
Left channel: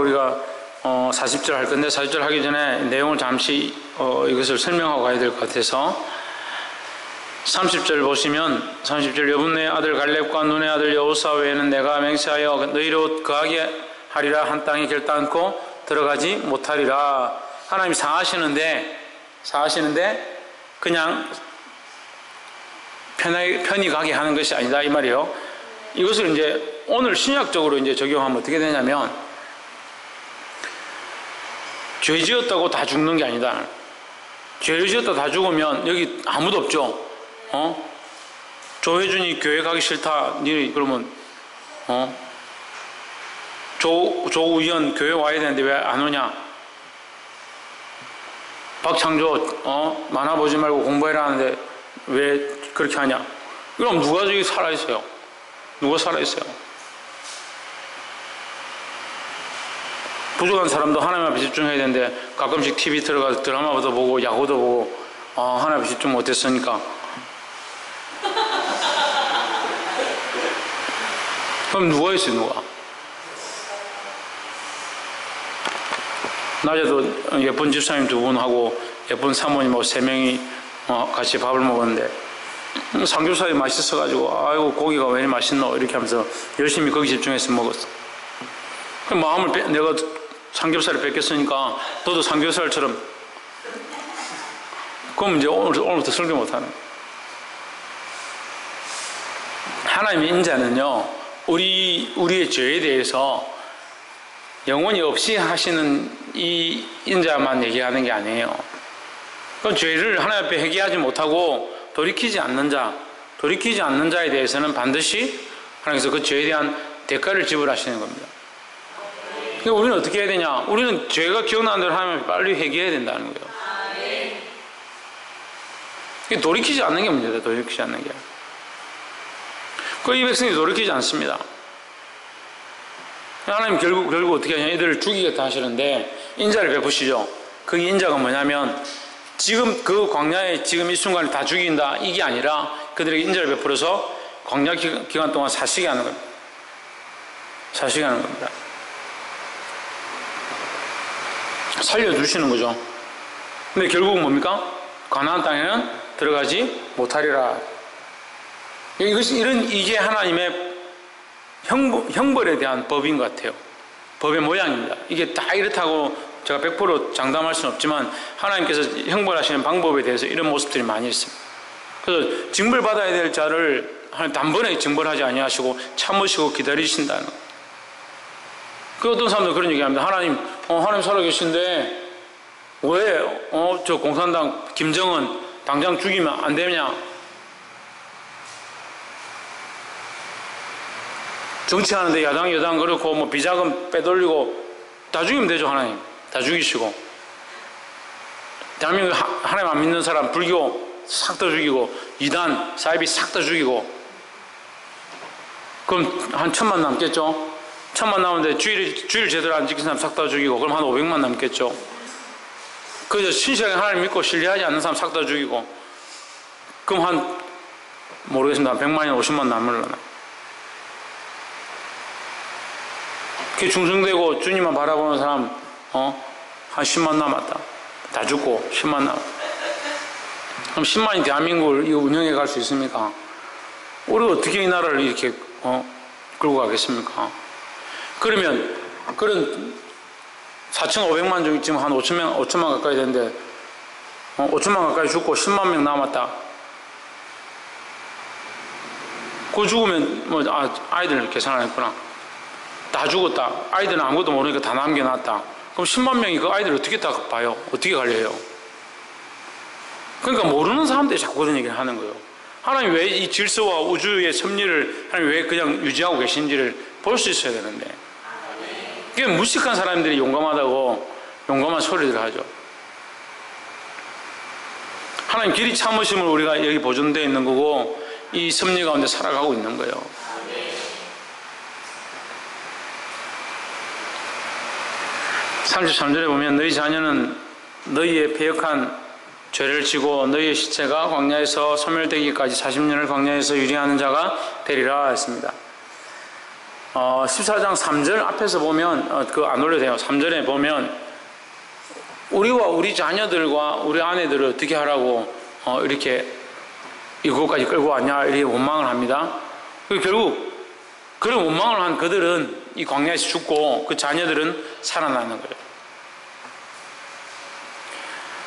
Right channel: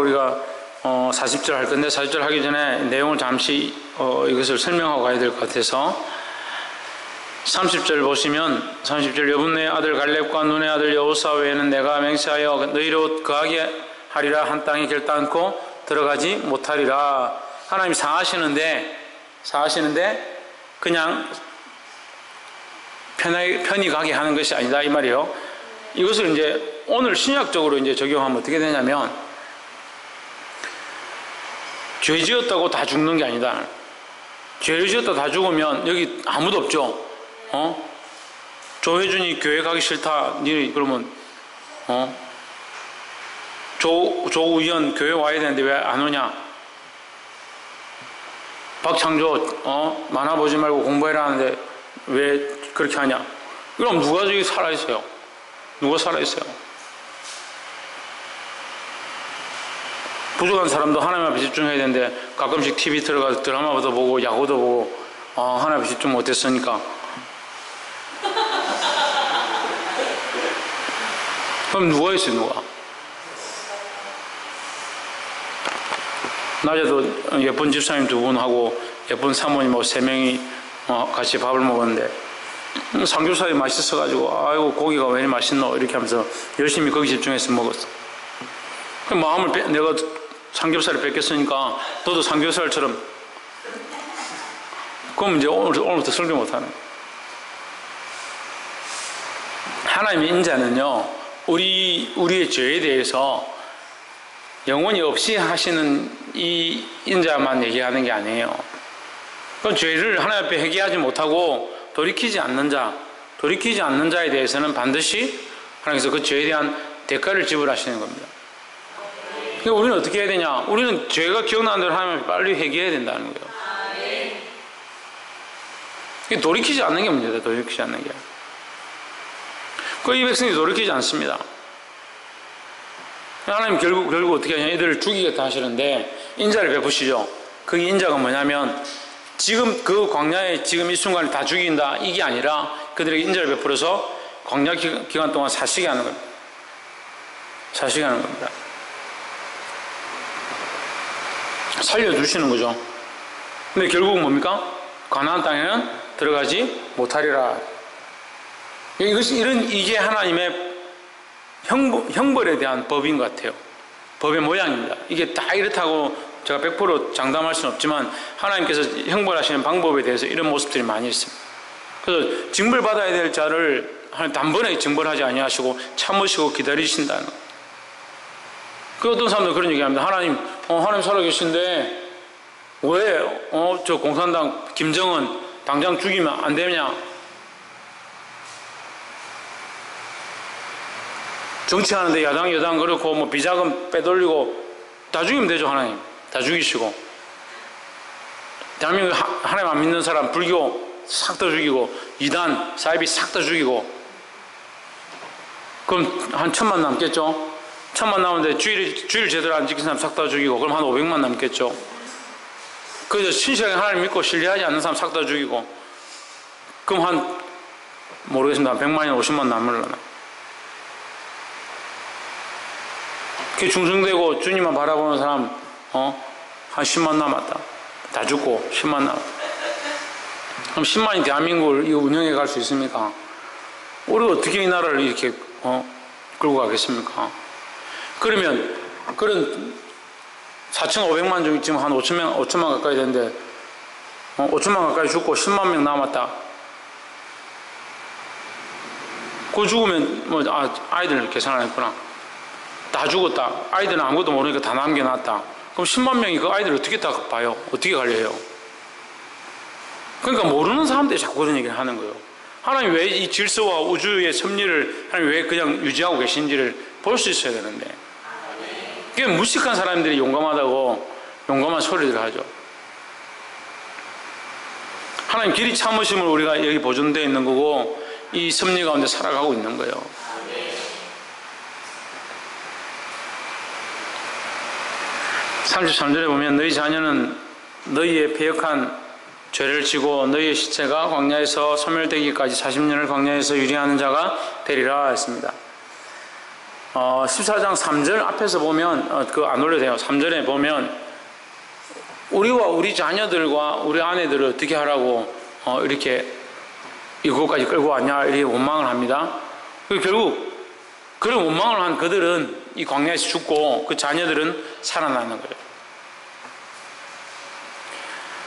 우리가 40절 할 건데 40절 하기 전에 내용을 잠시 이것을 설명하고 가야 될 것 같아서 30절 보시면 30절 여분의 아들 갈렙과 눈의 아들 여호사 외에는 내가 맹세하여 너희로 거하게 하리라 한 땅에 결단코 들어가지 못하리라. 하나님이 사하시는데 그냥 편히 가게 하는 것이 아니다 이 말이에요. 이것을 이제 오늘 신약적으로 이제 적용하면 어떻게 되냐면 죄 지었다고 다 죽는 게 아니다. 죄를 지었다 다 죽으면 여기 아무도 없죠. 조혜준이 교회 가기 싫다. 니 그러면 조우현 교회 와야 되는데 왜 안 오냐? 박창조 만화 보지 말고 공부해라 하는데 왜 그렇게 하냐? 그럼 누가 저기 살아있어요? 누가 살아있어요? 부족한 사람도 하나님 앞에 집중해야 되는데 가끔씩 TV 들어가서 드라마도 보고 야구도 보고 하나님 앞에 집중 못했으니까 그럼 누가 있어요? 누가? 낮에도 예쁜 집사님 2분하고 예쁜 사모님하고 3명이 같이 밥을 먹었는데 삼겹살이 맛있어가지고 아이고 고기가 왜 이렇게 맛있노 이렇게 하면서 열심히 거기 집중해서 먹었어. 마음을 내가 삼겹살을 뺏겼으니까 너도 삼겹살처럼 그럼 이제 오늘부터 설교 못하는 거야. 하나님의 인자는요 우리의 죄에 대해서 영원히 없이 하시는 이 인자만 얘기하는 게 아니에요. 그 죄를 하나님 앞에 회개하지 못하고 돌이키지 않는 자에 대해서는 반드시 하나님께서 그 죄에 대한 대가를 지불하시는 겁니다. 그러니까 우리는 어떻게 해야 되냐? 우리는 죄가 기억나는 대로 하나님 앞에 빨리 회개해야 된다는 거예요. 돌이키지 않는 게 문제다. 돌이키지 않는 게. 이 백성이 돌이키지 않습니다. 하나님 결국 어떻게 하냐? 이들을 죽이겠다 하시는데 인자를 베푸시죠. 그 인자가 뭐냐면 지금 그 광야에 지금 이 순간에 다 죽인다 이게 아니라 그들에게 인자를 베풀어서 광야 기간 동안 사시게 하는 겁니다. 사시게 하는 겁니다. 살려주시는 거죠. 근데 결국은 뭡니까? 가나안 땅에는 들어가지 못하리라. 이게 하나님의 형벌에 대한 법인 것 같아요. 법의 모양입니다. 이게 다 이렇다고 제가 100% 장담할 수는 없지만 하나님께서 형벌하시는 방법에 대해서 이런 모습들이 많이 있습니다. 그래서 징벌받아야 될 자를 하나님 단번에 징벌하지 아니하시고 참으시고 기다리신다는 거예요. 그 어떤 사람들 그런 얘기합니다. 하나님 살아계신데 왜 저 공산당 김정은 당장 죽이면 안 되냐? 정치하는데 야당 그렇고 뭐 비자금 빼돌리고 다 죽이면 되죠. 하나님 다 죽이시고 대한민국 하나님 안 믿는 사람 불교 싹 다 죽이고 이단 사이비 싹 다 죽이고 그럼 한 1000만 남겠죠. 1000만 남았는데 주일 제대로 안 지킨 사람 싹 다 죽이고 그럼 한 500만 남겠죠. 그래서 신실하게 하나님 믿고 신뢰하지 않는 사람 싹 다 죽이고 그럼 한 모르겠습니다. 100만이나 50만 남으려나. 그 중생되고 주님만 바라보는 사람 한 10만 남았다. 다 죽고 10만 남았다. 그럼 10만이 대한민국을 운영해 갈 수 있습니까? 우리가 어떻게 이 나라를 이렇게 끌고 가겠습니까? 그러면 그런 4,500만 중 지금 한 5천만 가까이 되는데 5천만 가까이 죽고 10만 명 남았다. 그 죽으면 아이들 계산 안 했구나. 다 죽었다. 아이들은 아무것도 모르니까 다 남겨놨다. 그럼 10만 명이 그 아이들을 어떻게 다 봐요? 어떻게 관리해요? 그러니까 모르는 사람들이 자꾸 그런 얘기를 하는 거예요. 하나님 왜 이 질서와 우주의 섭리를 하나님 왜 그냥 유지하고 계신지를 볼 수 있어야 되는데 그게 무식한 사람들이 용감하다고 용감한 소리를 하죠. 하나님 길이 참으심을 우리가 여기 보존되어 있는 거고 이 섭리 가운데 살아가고 있는 거예요. 33절에 보면 너희 자녀는 너희의 패역한 죄를 지고 너희의 시체가 광야에서 소멸되기까지 40년을 광야에서 유리하는 자가 되리라 했습니다. 14장 3절 앞에서 보면 그거 안 올려도 돼요. 3절에 보면 우리와 우리 자녀들과 우리 아내들을 어떻게 하라고 이렇게 이곳까지 끌고 왔냐 이렇게 원망을 합니다. 결국 그런 원망을 한 그들은 이 광야에서 죽고 그 자녀들은 살아나는 거예요.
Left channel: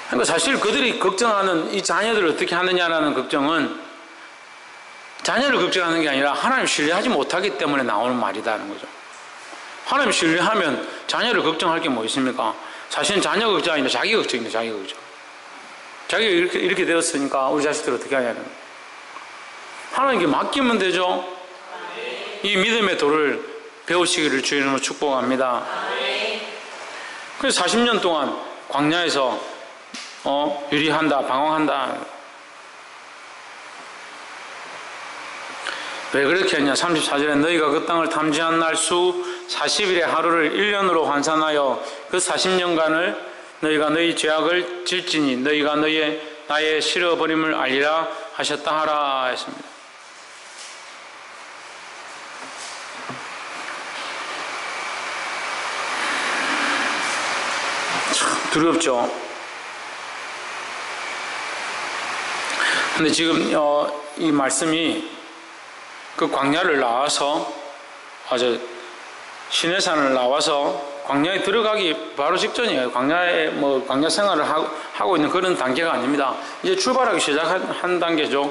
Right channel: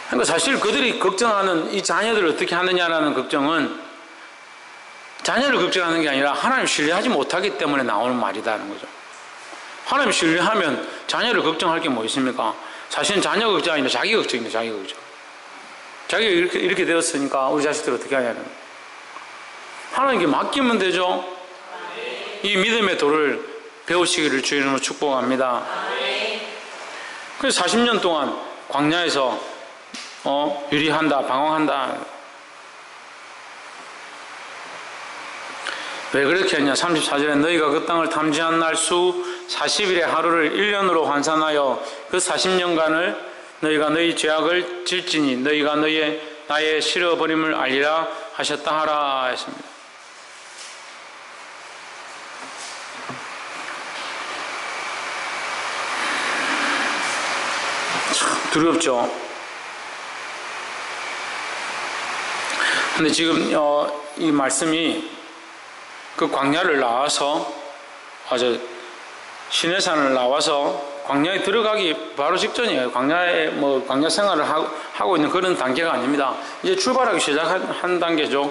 그러니까 사실 그들이 걱정하는 이 자녀들을 어떻게 하느냐라는 걱정은 자녀를 걱정하는 게 아니라 하나님 신뢰하지 못하기 때문에 나오는 말이다는 거죠. 하나님 신뢰하면 자녀를 걱정할 게 뭐 있습니까? 사실은 자녀 걱정이 아니라 자기 걱정입니다. 자기 걱정. 자기가 이렇게 되었으니까 우리 자식들 어떻게 하냐는 거예요. 하나님께 맡기면 되죠. 이 믿음의 도를 배우시기를 주의 이름으로 축복합니다. 그래서 40년 동안 광야에서 유리한다, 방황한다. 왜 그렇게 했냐? 34절에 너희가 그 땅을 탐지한 날 수 40일의 하루를 1년으로 환산하여 그 40년간을 너희가 너희 죄악을 질지니 너희가 나의 싫어버림을 알리라 하셨다 하라 했습니다. 참 두렵죠. 근데 지금 이 말씀이 그 광야를 나와서 시내산을 나와서 광야에 들어가기 바로 직전이에요. 광야에 광야 생활을 하고 있는 그런 단계가 아닙니다. 이제 출발하기 시작한 단계죠.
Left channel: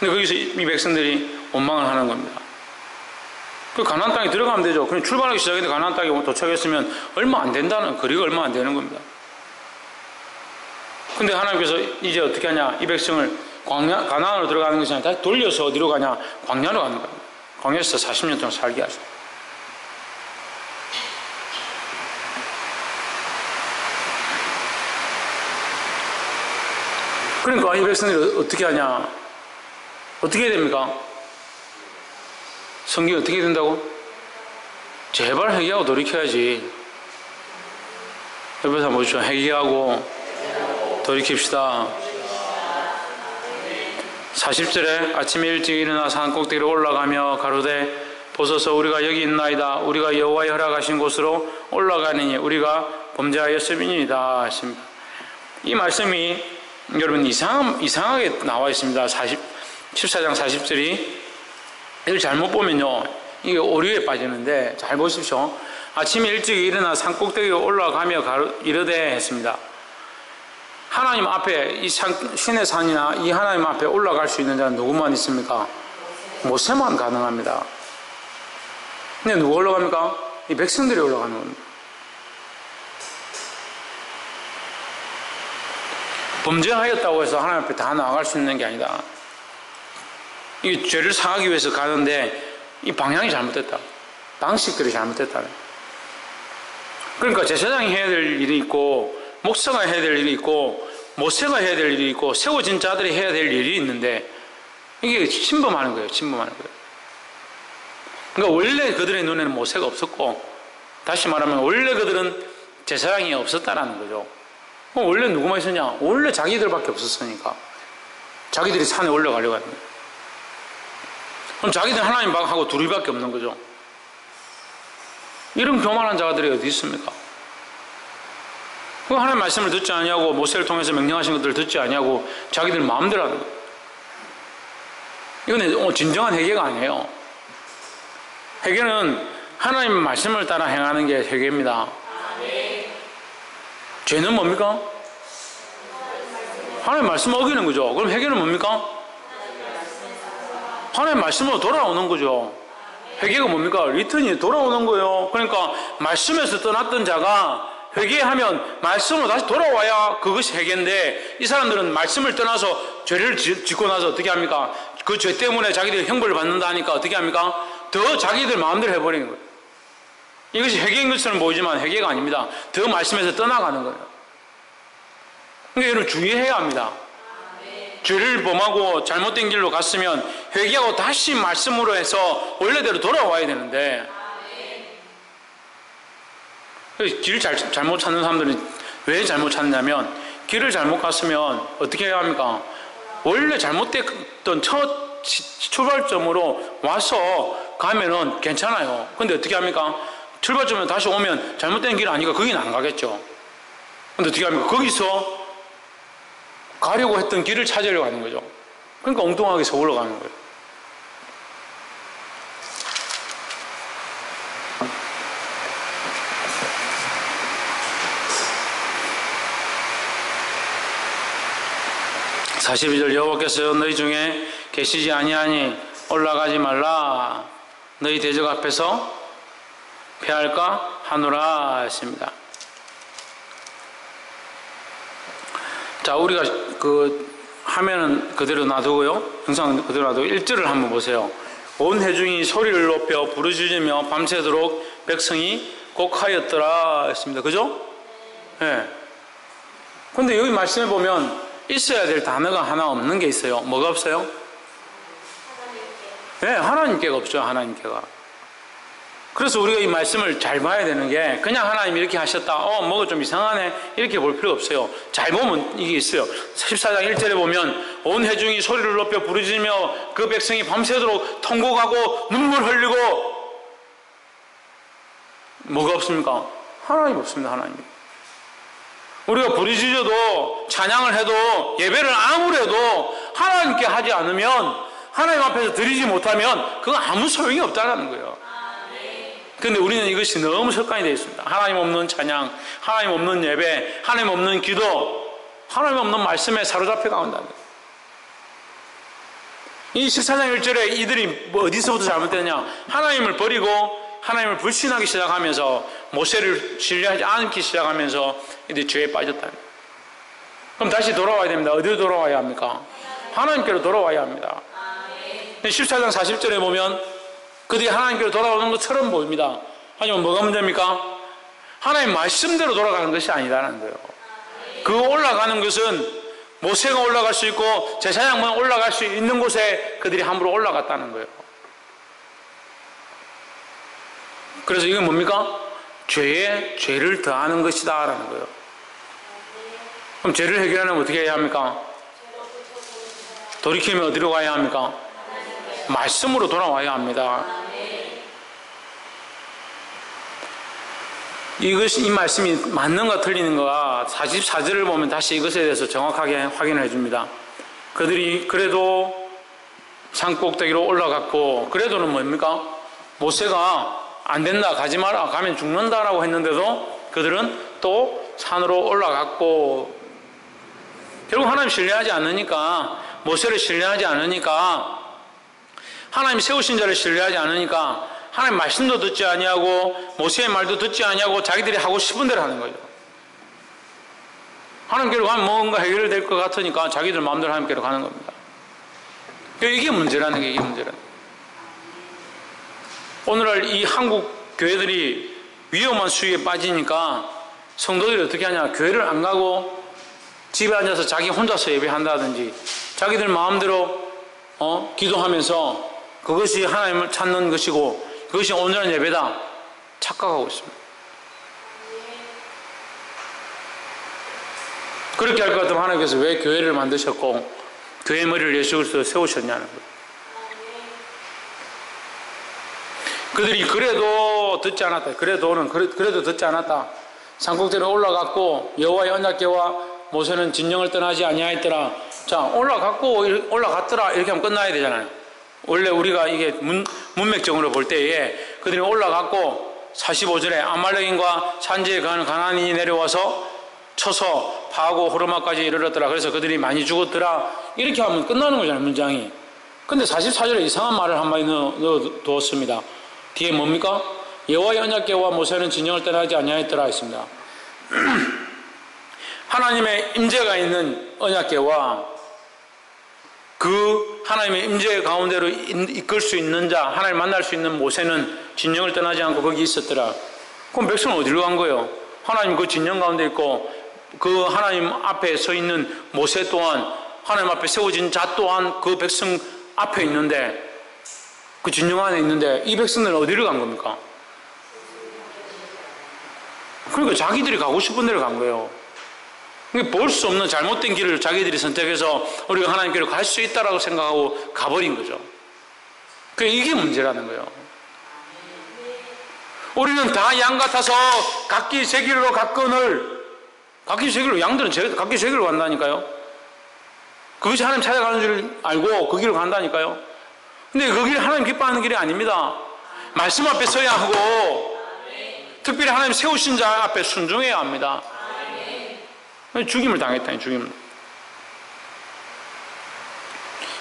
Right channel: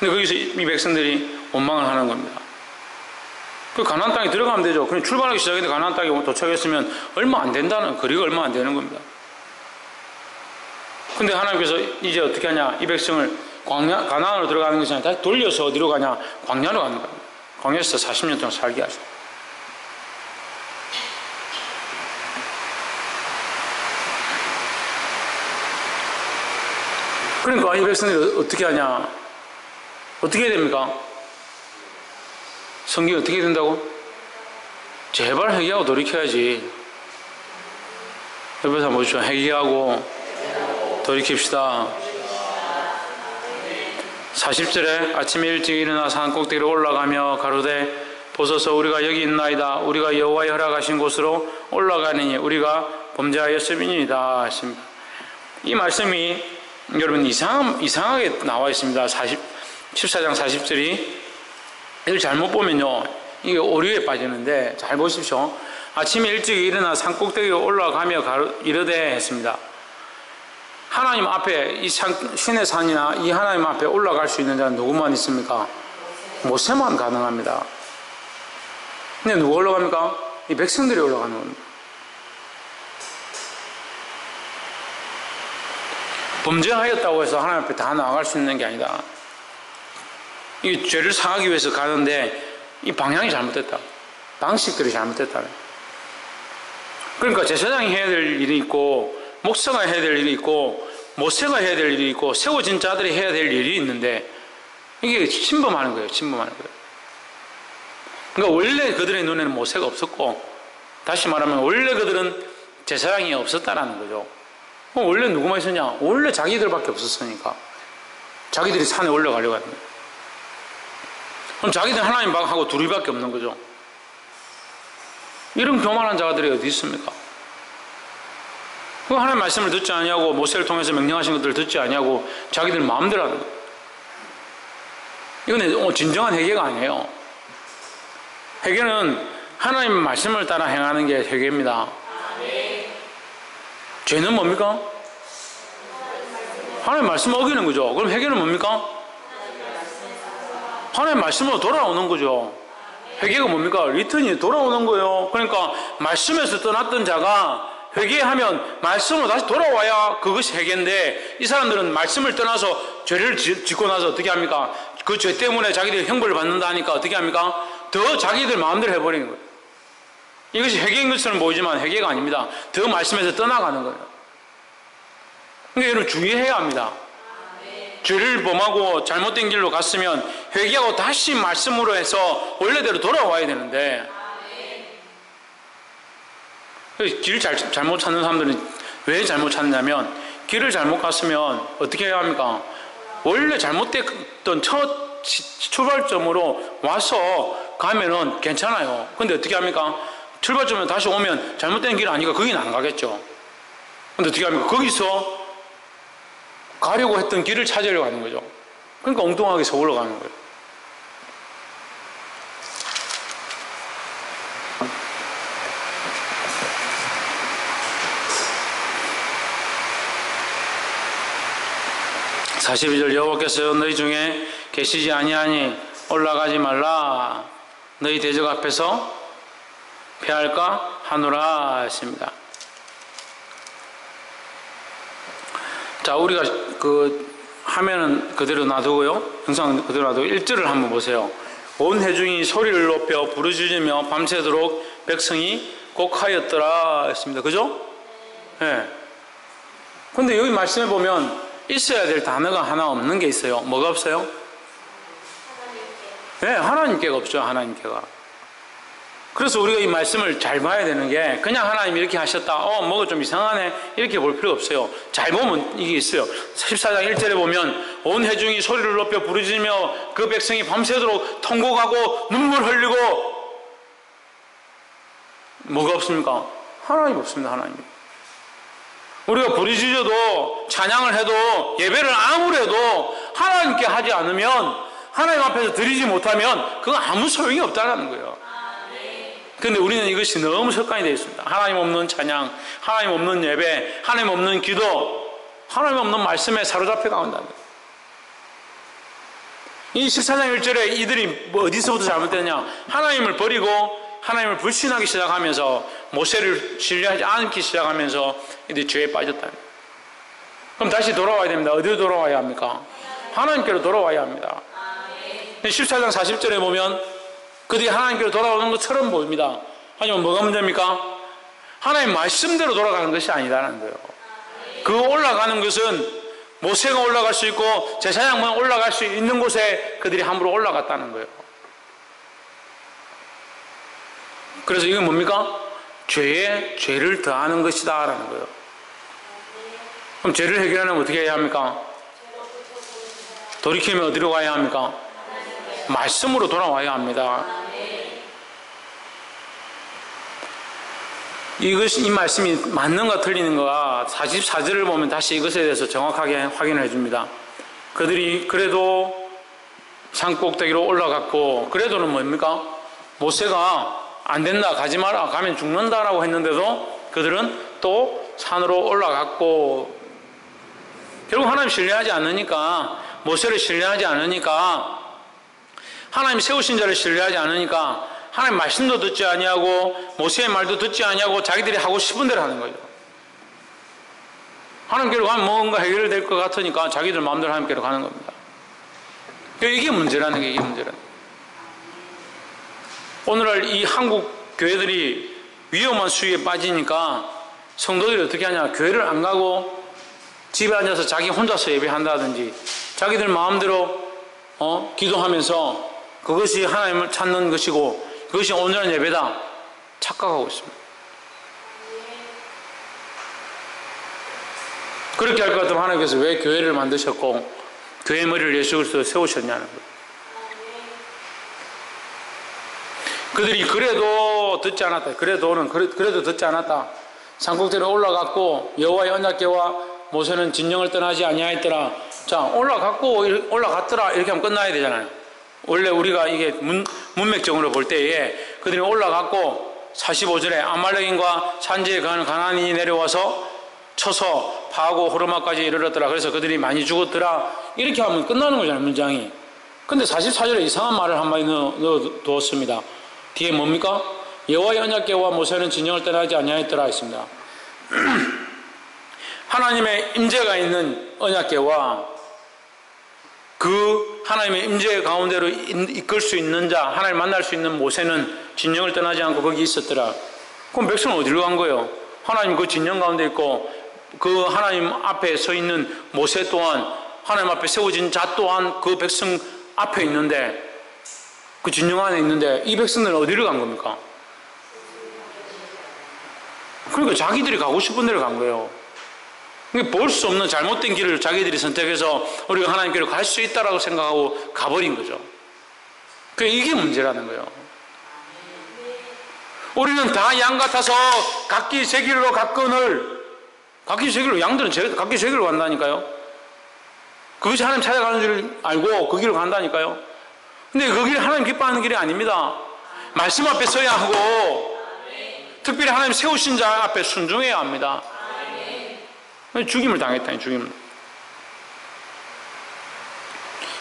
근데 거기서 이 백성들이 원망을 하는 겁니다. 그 가나안 땅에 들어가면 되죠. 그냥 출발하기 시작했는데 가나안 땅에 도착했으면 얼마 안 된다는, 거리가 얼마 안 되는 겁니다. 근데 하나님께서 이제 어떻게 하냐? 이 백성을 가나안으로 들어가는 것이 아니라 다시 돌려서 어디로 가냐? 광야로 가는 겁니다. 광야에서 40년 동안 살게 하죠. 그러니까 이 백성들이 어떻게 하냐? 어떻게 해야 됩니까? 성경이 어떻게 된다고? 제발 회개하고 돌이켜야지. 옆에서 한번 보시죠. 회개하고 돌이킵시다. 40절에 아침에 일찍 일어나 산 꼭대기로 올라가며 가로되 보소서 우리가 여기 있나이다. 우리가 여호와의 허락하신 곳으로 올라가느니 우리가 범죄하였음이니이다 하십니다. 이 말씀이 여러분 이상하게 나와 있습니다. 14장 40절이 이걸 잘못 보면요 이게 오류에 빠지는데 잘 보십시오. 아침에 일찍 일어나 산 꼭대기에 올라가며 이르되 했습니다. 하나님 앞에 이 신의 산이나 이 하나님 앞에 올라갈 수 있는 자는 누구만 있습니까? 모세만 가능합니다. 근데 누가 올라갑니까? 이 백성들이 올라가는 겁니다. 범죄하였다고 해서 하나님 앞에 다 나아갈 수 있는 게 아니다. 이 죄를 사하기 위해서 가는데 이 방향이 잘못됐다. 방식들이 잘못됐다. 그러니까 제사장이 해야 될 일이 있고 목사가 해야 될 일이 있고 모세가 해야 될 일이 있고 세워진 자들이 해야 될 일이 있는데 이게 침범하는 거예요. 침범하는 거예요. 그러니까 원래 그들의 눈에는 모세가 없었고 다시 말하면 원래 그들은 제사장이 없었다라는 거죠. 원래 누구만 있었냐? 원래 자기들밖에 없었으니까 자기들이 산에 올라가려고 하는 거예요. 그럼 자기들 하나님하고 둘이밖에 없는 거죠. 이런 교만한 자들이 어디 있습니까? 그 하나님 말씀을 듣지 아니하고 모세를 통해서 명령하신 것들을 듣지 아니하고 자기들 마음대로 하는 거예요. 이건 진정한 회개가 아니에요. 회개는 하나님 말씀을 따라 행하는 게 회개입니다. 죄는 뭡니까? 하나님 말씀을 어기는 거죠. 그럼 회개는 뭡니까? 하나님 말씀으로 돌아오는 거죠. 회개가 뭡니까? 리턴이 돌아오는 거예요. 그러니까 말씀에서 떠났던 자가 회개하면 말씀으로 다시 돌아와야 그것이 회개인데 이 사람들은 말씀을 떠나서 죄를 짓고 나서 어떻게 합니까? 그 죄 때문에 자기들이 형벌을 받는다 하니까 어떻게 합니까? 더 자기들 마음대로 해버리는 거예요. 이것이 회개인 것처럼 보이지만 회개가 아닙니다. 더 말씀에서 떠나가는 거예요. 그러니까 여러분 주의해야 합니다. 죄를 범하고 잘못된 길로 갔으면 회개하고 다시 말씀으로 해서 원래대로 돌아와야 되는데 길을 잘못 찾는 사람들은 왜 잘못 찾느냐면 길을 잘못 갔으면 어떻게 해야 합니까? 원래 잘못됐던 첫 출발점으로 와서 가면은 괜찮아요. 근데 어떻게 합니까? 출발점에 다시 오면 잘못된 길 아니까 거기는 안 가겠죠. 근데 어떻게 합니까? 거기서 가려고 했던 길을 찾으려고 하는 거죠. 그러니까 엉뚱하게 서울로 가는 거예요. (42절) 여호와께서 너희 중에 계시지 아니하니 올라가지 말라. 너희 대적 앞에서 패할까 하노라 했습니다. 자, 우리가 화면은 그대로 놔두고요. 영상 그대로 놔두고 1절을 한번 보세요. 온 회중이 소리를 높여 부르짖으며 밤새도록 백성이 곡하였더라 했습니다. 그죠? 예. 근데 여기 말씀해 보면 있어야 될 단어가 하나 없는 게 있어요. 뭐가 없어요? 네, 하나님께가 없죠. 하나님께가. 그래서 우리가 이 말씀을 잘 봐야 되는 게 그냥 하나님 이렇게 하셨다. 뭐가 좀 이상하네. 이렇게 볼 필요가 없어요. 잘 보면 이게 있어요. 14장 1절에 보면 온 회중이 소리를 높여 부르짖으며 그 백성이 밤새도록 통곡하고 눈물 흘리고 뭐가 없습니까? 하나님 없습니다. 하나님. 우리가 부르짖어도 찬양을 해도 예배를 아무리 해도 하나님께 하지 않으면 하나님 앞에서 드리지 못하면 그건 아무 소용이 없다는 거예요. 그런데 우리는 이것이 너무 습관이 되어 있습니다. 하나님 없는 찬양, 하나님 없는 예배, 하나님 없는 기도, 하나님 없는 말씀에 사로잡혀 가온다는 거예요. 이 14장 1절에 이들이 어디서부터 잘못됐냐? 하나님을 버리고 하나님을 불신하기 시작하면서 모세를 신뢰하지 않기 시작하면서 이들이 죄에 빠졌다. 그럼 다시 돌아와야 됩니다. 어디로 돌아와야 합니까? 하나님께로 돌아와야 합니다. 14장 40절에 보면 그들이 하나님께로 돌아오는 것처럼 보입니다. 하지만 뭐가 문제입니까? 하나님 말씀대로 돌아가는 것이 아니라는 거예요. 그 올라가는 것은 모세가 올라갈 수 있고 제사장만 올라갈 수 있는 곳에 그들이 함부로 올라갔다는 거예요. 그래서 이건 뭡니까? 죄에 죄를 더하는 것이다 라는 거예요. 그럼 죄를 해결하려면 어떻게 해야 합니까? 돌이키면 어디로 가야 합니까? 말씀으로 돌아와야 합니다. 이 말씀이 맞는가 틀리는가 44절을 보면 다시 이것에 대해서 정확하게 확인을 해줍니다. 그들이 그래도 산꼭대기로 올라갔고 그래도는 뭡니까? 모세가 안 된다 가지 마라 가면 죽는다라고 했는데도 그들은 또 산으로 올라갔고 결국 하나님 신뢰하지 않으니까 모세를 신뢰하지 않으니까 하나님 세우신 자를 신뢰하지 않으니까 하나님 말씀도 듣지 아니하고 모세의 말도 듣지 아니하고 자기들이 하고 싶은 대로 하는 거죠. 하나님께로 가면 뭔가 해결될 것 같으니까 자기들 마음대로 하나님께로 가는 겁니다. 이게 문제라는 게 이게 문제라는 거예요. 오늘날 이 한국 교회들이 위험한 수위에 빠지니까 성도들이 어떻게 하냐? 교회를 안 가고 집에 앉아서 자기 혼자서 예배한다든지 자기들 마음대로 기도하면서 그것이 하나님을 찾는 것이고 그것이 온전한 예배다 착각하고 있습니다. 그렇게 할 것 같으면 하나님께서 왜 교회를 만드셨고 교회 머리를 예수 그리스도로 세우셨냐는 거예요. 그들이 그래도 듣지 않았다. 그래도 듣지 않았다. 산꼭대기로 올라갔고 여호와의 언약궤와 모세는 진영을 떠나지 아니하였더라. 자, 올라갔더라 이렇게 하면 끝나야 되잖아요. 원래 우리가 이게 문맥적으로 볼 때에 그들이 올라갔고 45절에 아말렉인과 산지에 가는 가나안인이 내려와서 쳐서 파하고 호르마까지 이르렀더라. 그래서 그들이 많이 죽었더라. 이렇게 하면 끝나는 거잖아요, 문장이. 근데 44절에 이상한 말을 한 마디 넣어두었습니다. 뒤에 뭡니까? 여호와의 언약궤와 모세는 진영을 떠나지 아니하였더라 했습니다. 하나님의 임재가 있는 언약궤와 그 하나님의 임재 가운데로 이끌 수 있는 자, 하나님을 만날 수 있는 모세는 진영을 떠나지 않고 거기 있었더라. 그럼 백성은 어디로 간 거예요? 하나님 그 진영 가운데 있고 그 하나님 앞에 서 있는 모세 또한 하나님 앞에 세워진 자 또한 그 백성 앞에 있는데 그 진영 안에 있는데 이 백성들은 어디로 간 겁니까? 그러니까 자기들이 가고 싶은 데로 간 거예요. 볼 수 없는 잘못된 길을 자기들이 선택해서 우리가 하나님께로 갈 수 있다라고 생각하고 가버린 거죠. 이게 문제라는 거예요. 우리는 다 양 같아서 각기 제 길로 갔거늘 각기 제 길로 양들은 각기 제 길로 간다니까요. 그것이 하나님 찾아가는 줄 알고 그 길로 간다니까요. 근데 그 길이 하나님 기뻐하는 길이 아닙니다. 말씀 앞에 서야 하고 특별히 하나님 세우신 자 앞에 순종해야 합니다. 죽임을 당했다니 죽임을.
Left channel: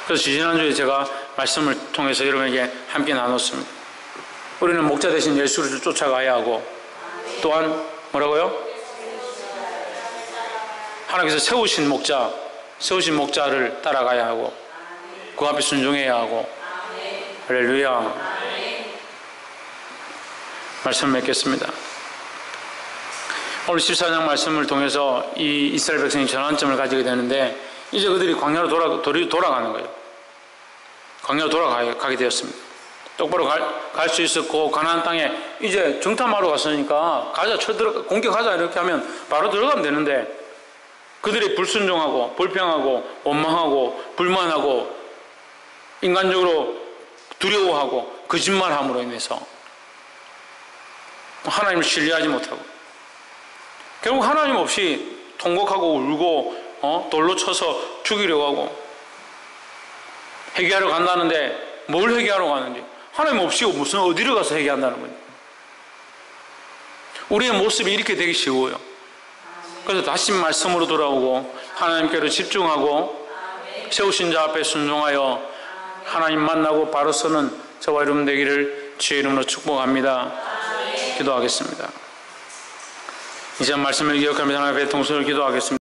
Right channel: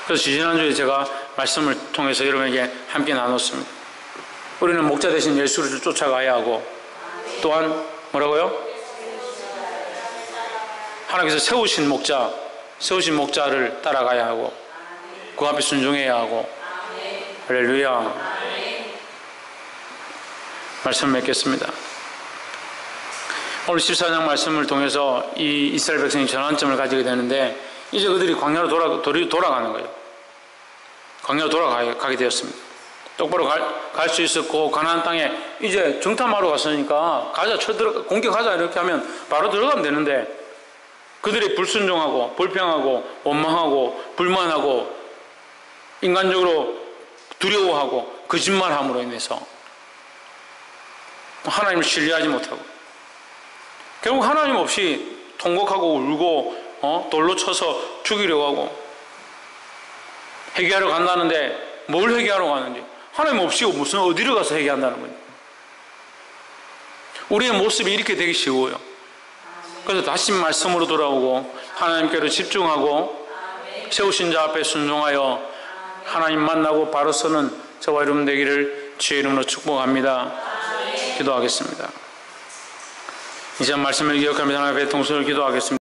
그래서 지난주에 제가 말씀을 통해서 여러분에게 함께 나눴습니다. 우리는 목자 대신 예수를 쫓아가야 하고 또한 뭐라고요? 하나님께서 세우신 목자 세우신 목자를 따라가야 하고 그 앞에 순종해야 하고. 할렐루야. 말씀을 맺겠습니다. 오늘 14장 말씀을 통해서 이 이스라엘 백성이 전환점을 가지게 되는데 이제 그들이 광야로 돌아가는 거예요. 광야로 돌아가게 되었습니다. 똑바로 갈 수 있었고 가나안 땅에 이제 정탐하러 갔으니까 가자, 공격하자 이렇게 하면 바로 들어가면 되는데 그들이 불순종하고 불평하고 원망하고 불만하고 인간적으로 두려워하고 거짓말함으로 인해서 하나님을 신뢰하지 못하고 결국 하나님 없이 통곡하고 울고 돌로 쳐서 죽이려고 하고 회개하러 간다는데 뭘 회개하러 가는지 하나님 없이 무슨 어디로 가서 회개한다는 거예요. 우리의 모습이 이렇게 되기 쉬워요. 그래서 다시 말씀으로 돌아오고 하나님께로 집중하고 세우신 자 앞에 순종하여 하나님 만나고 바로 서는 저와 여러분 되기를 주의 이름으로 축복합니다. 기도하겠습니다. 이제 말씀을 기억하며 하나님 앞에 동서를 기도하겠습니다.